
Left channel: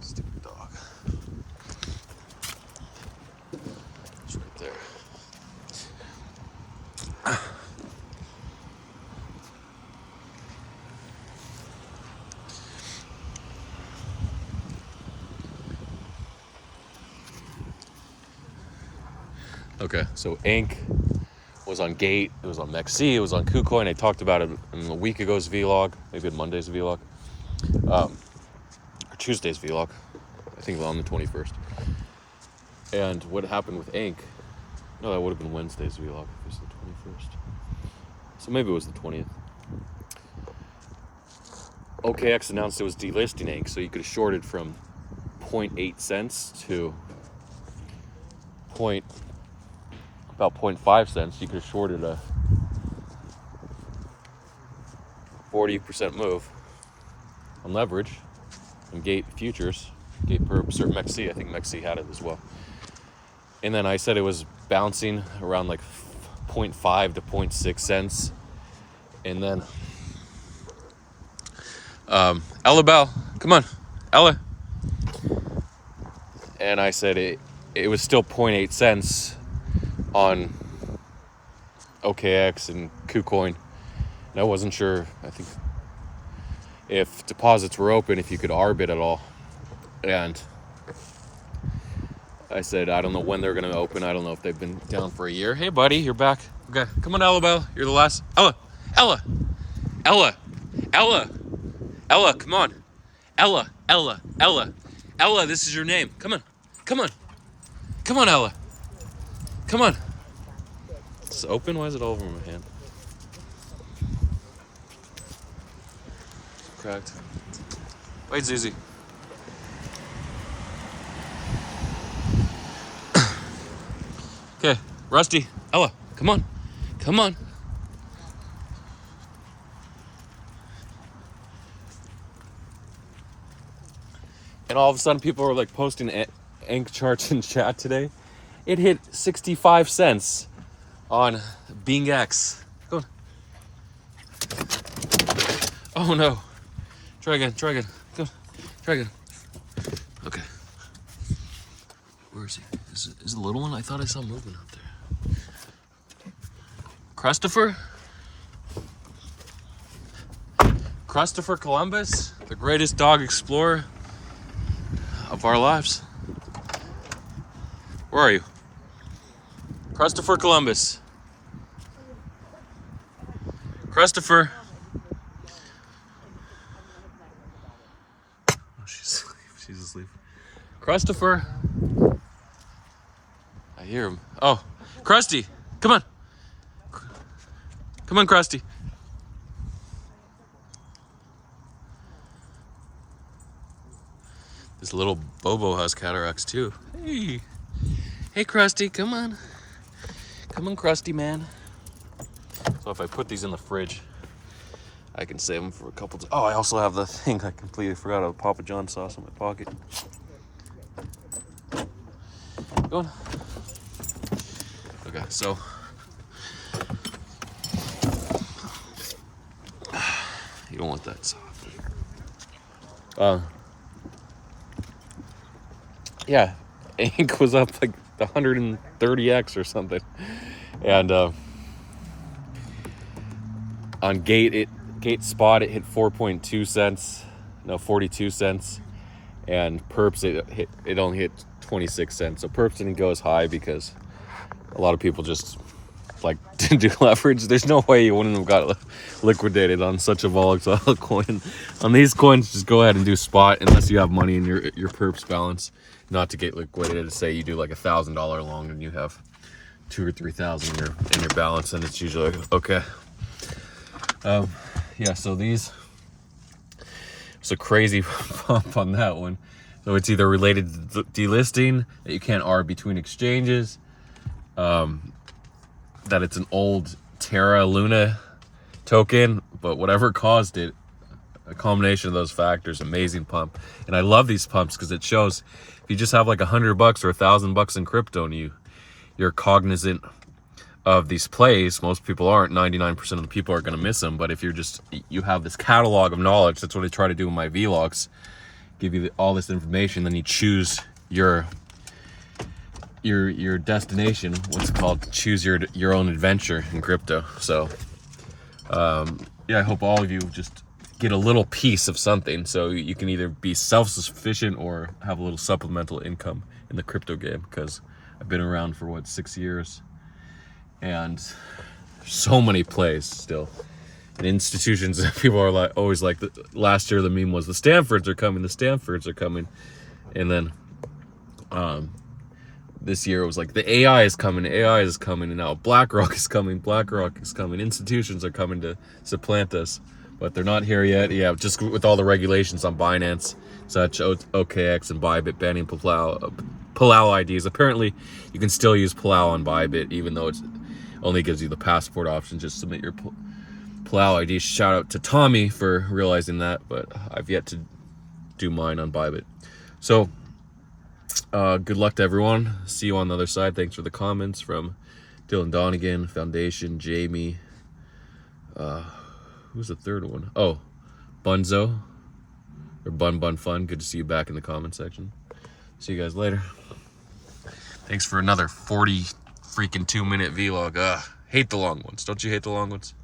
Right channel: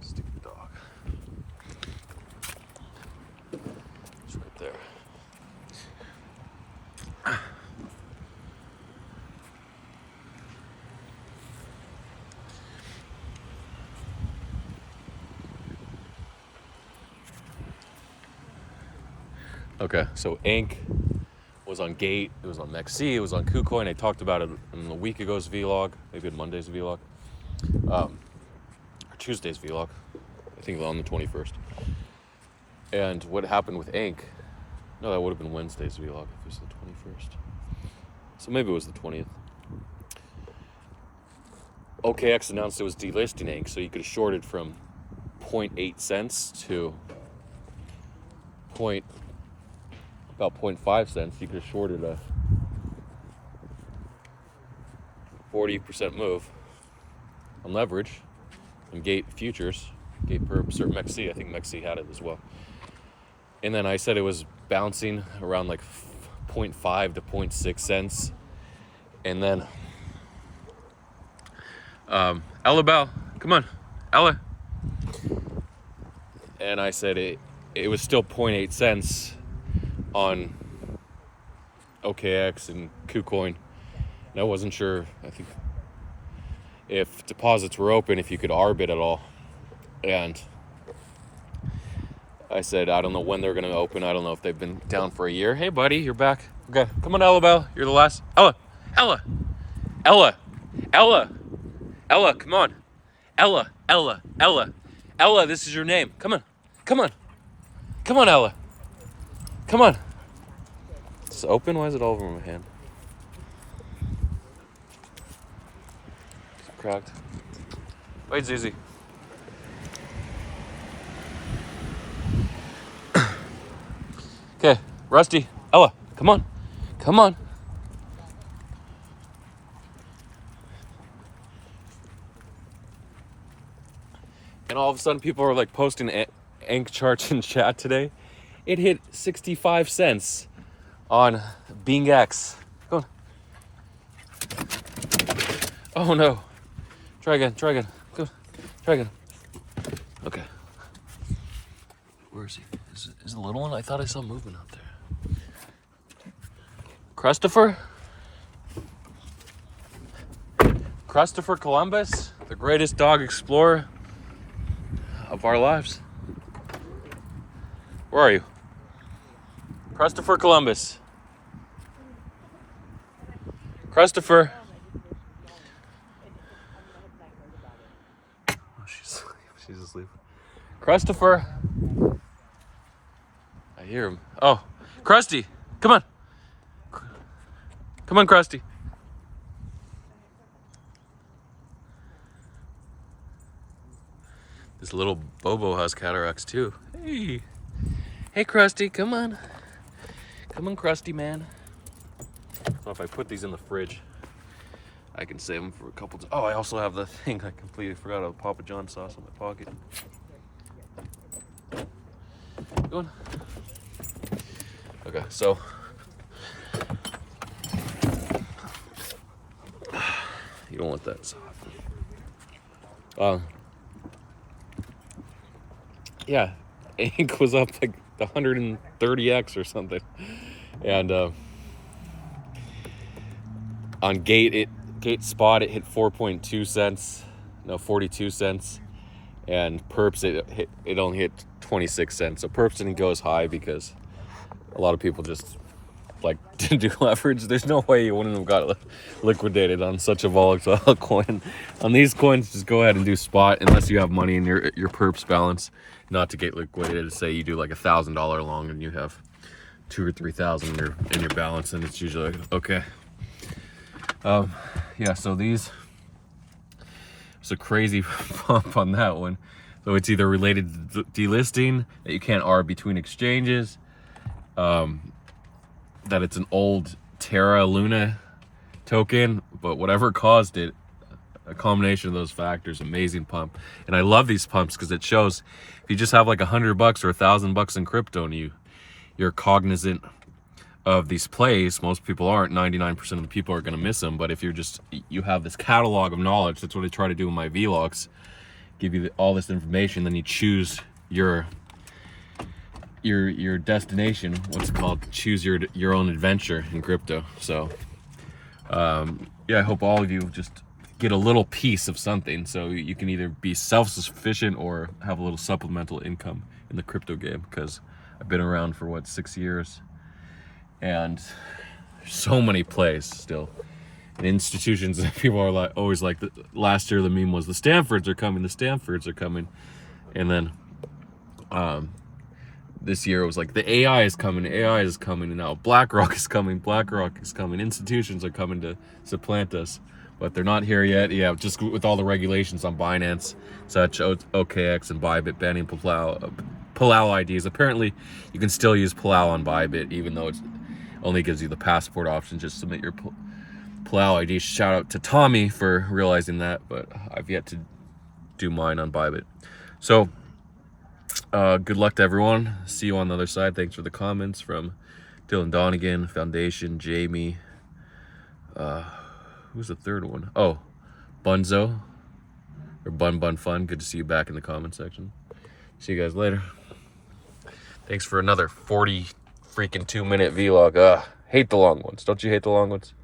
Stupid dog. It's right there. Okay, so Ink was on Gate, it was on MEXC, it was on KuCoin. I talked about it in a week ago's vlog, maybe in Monday's vlog, or Tuesday's vlog, I think on the 21st. And what happened with Ink, no, that would have been Wednesday's vlog if it was the 21st. So maybe it was the 20th. OKX announced it was delisting Ink, so you could have shorted from 0.8 cents to about 0.5 cents. You could have shorted a 40% move on leverage and Gate futures, Gate perps, or MEXC. I think MEXC had it as well. And then I said it was bouncing around like 0.5 to 0.6 cents. And then Ella Bell, come on, Ella. And I said it was still 0.8 cents on OKX and KuCoin. And I wasn't sure, I think, if deposits were open, if you could arb it at all. And I said, I don't know when they're going to open. I don't know if they've been down for a year. Hey, buddy, you're back. Okay, come on, Ella Bell. You're the last. Ella, come on. Ella, this is your name. Come on, Ella. Come on. It's open? Why is it all over my hand? Cracked. Wait, Zizi. Okay, Rusty, Ella, come on. And all of a sudden people are like posting Ink charts in chat today. It hit 65 cents on BingX. Go on. Oh no. Try again. Go. Try again. Okay. Where is he? Is it the little one? I thought I saw movement out there. Christopher Columbus, the greatest dog explorer of our lives. Where are you? Christopher Columbus. Christopher. Oh, she's asleep. Christopher. I hear him. Oh, Krusty, come on. Come on, Krusty. This little Bobo has cataracts too. Hey, Krusty, come on. Come on, Krusty, man. So if I put these in the fridge, I can save them for a couple. Oh, I also have the thing I completely forgot of Papa John sauce in my pocket. Go on. Okay, so you don't want that soft. Yeah, Ink was up like 130x or something, and on Gate Spot it hit 4.2 cents, no 42 cents, and Perps it only hit 26 cents. So Perps didn't go as high because a lot of people just like to do leverage. There's no way you wouldn't have got liquidated on such a volatile coin. On these coins, just go ahead and do spot unless you have money in your Perps balance, not to get liquidated. Say you do like $1,000 long and you have 2,000 or 3,000 in your balance, and it's usually like, okay. Yeah, so it's a crazy pump on that one. So it's either related to delisting, that you can't arb between exchanges, that it's an old Terra Luna token, but whatever caused it, a combination of those factors, amazing pump. And I love these pumps because it shows if you just have like $100 or $1,000 in crypto and you're cognizant of these plays. Most people aren't. 99% of the people are going to miss them. But if you have this catalog of knowledge, that's what I try to do in my vlogs, give you all this information, then you choose your destination, what's it called, choose your own adventure in crypto. So yeah, I hope all of you just get a little piece of something so you can either be self-sufficient or have a little supplemental income in the crypto game, because I've been around for 6 years and so many plays still, and institutions. People are like always like, last year the meme was the Stanfords are coming, and then this year it was like the AI is coming, and now BlackRock is coming, institutions are coming to supplant us, but they're not here yet. Yeah, just with all the regulations on Binance, such OKX and Bybit banning Palau IDs. Apparently you can still use Palau on Bybit, even though it only gives you the passport option. Just submit your Palau ID. Shout out to Tommy for realizing that, but I've yet to do mine on Bybit. So good luck to everyone. See you on the other side. Thanks for the comments from Dylan Donegan, Foundation, Jamie. Who's the third one? Oh, Bunzo or Bun Fun. Good to see you back in the comment section. See you guys later. Thanks for another 42-minute vlog. Hate the long ones. Don't you hate the long ones?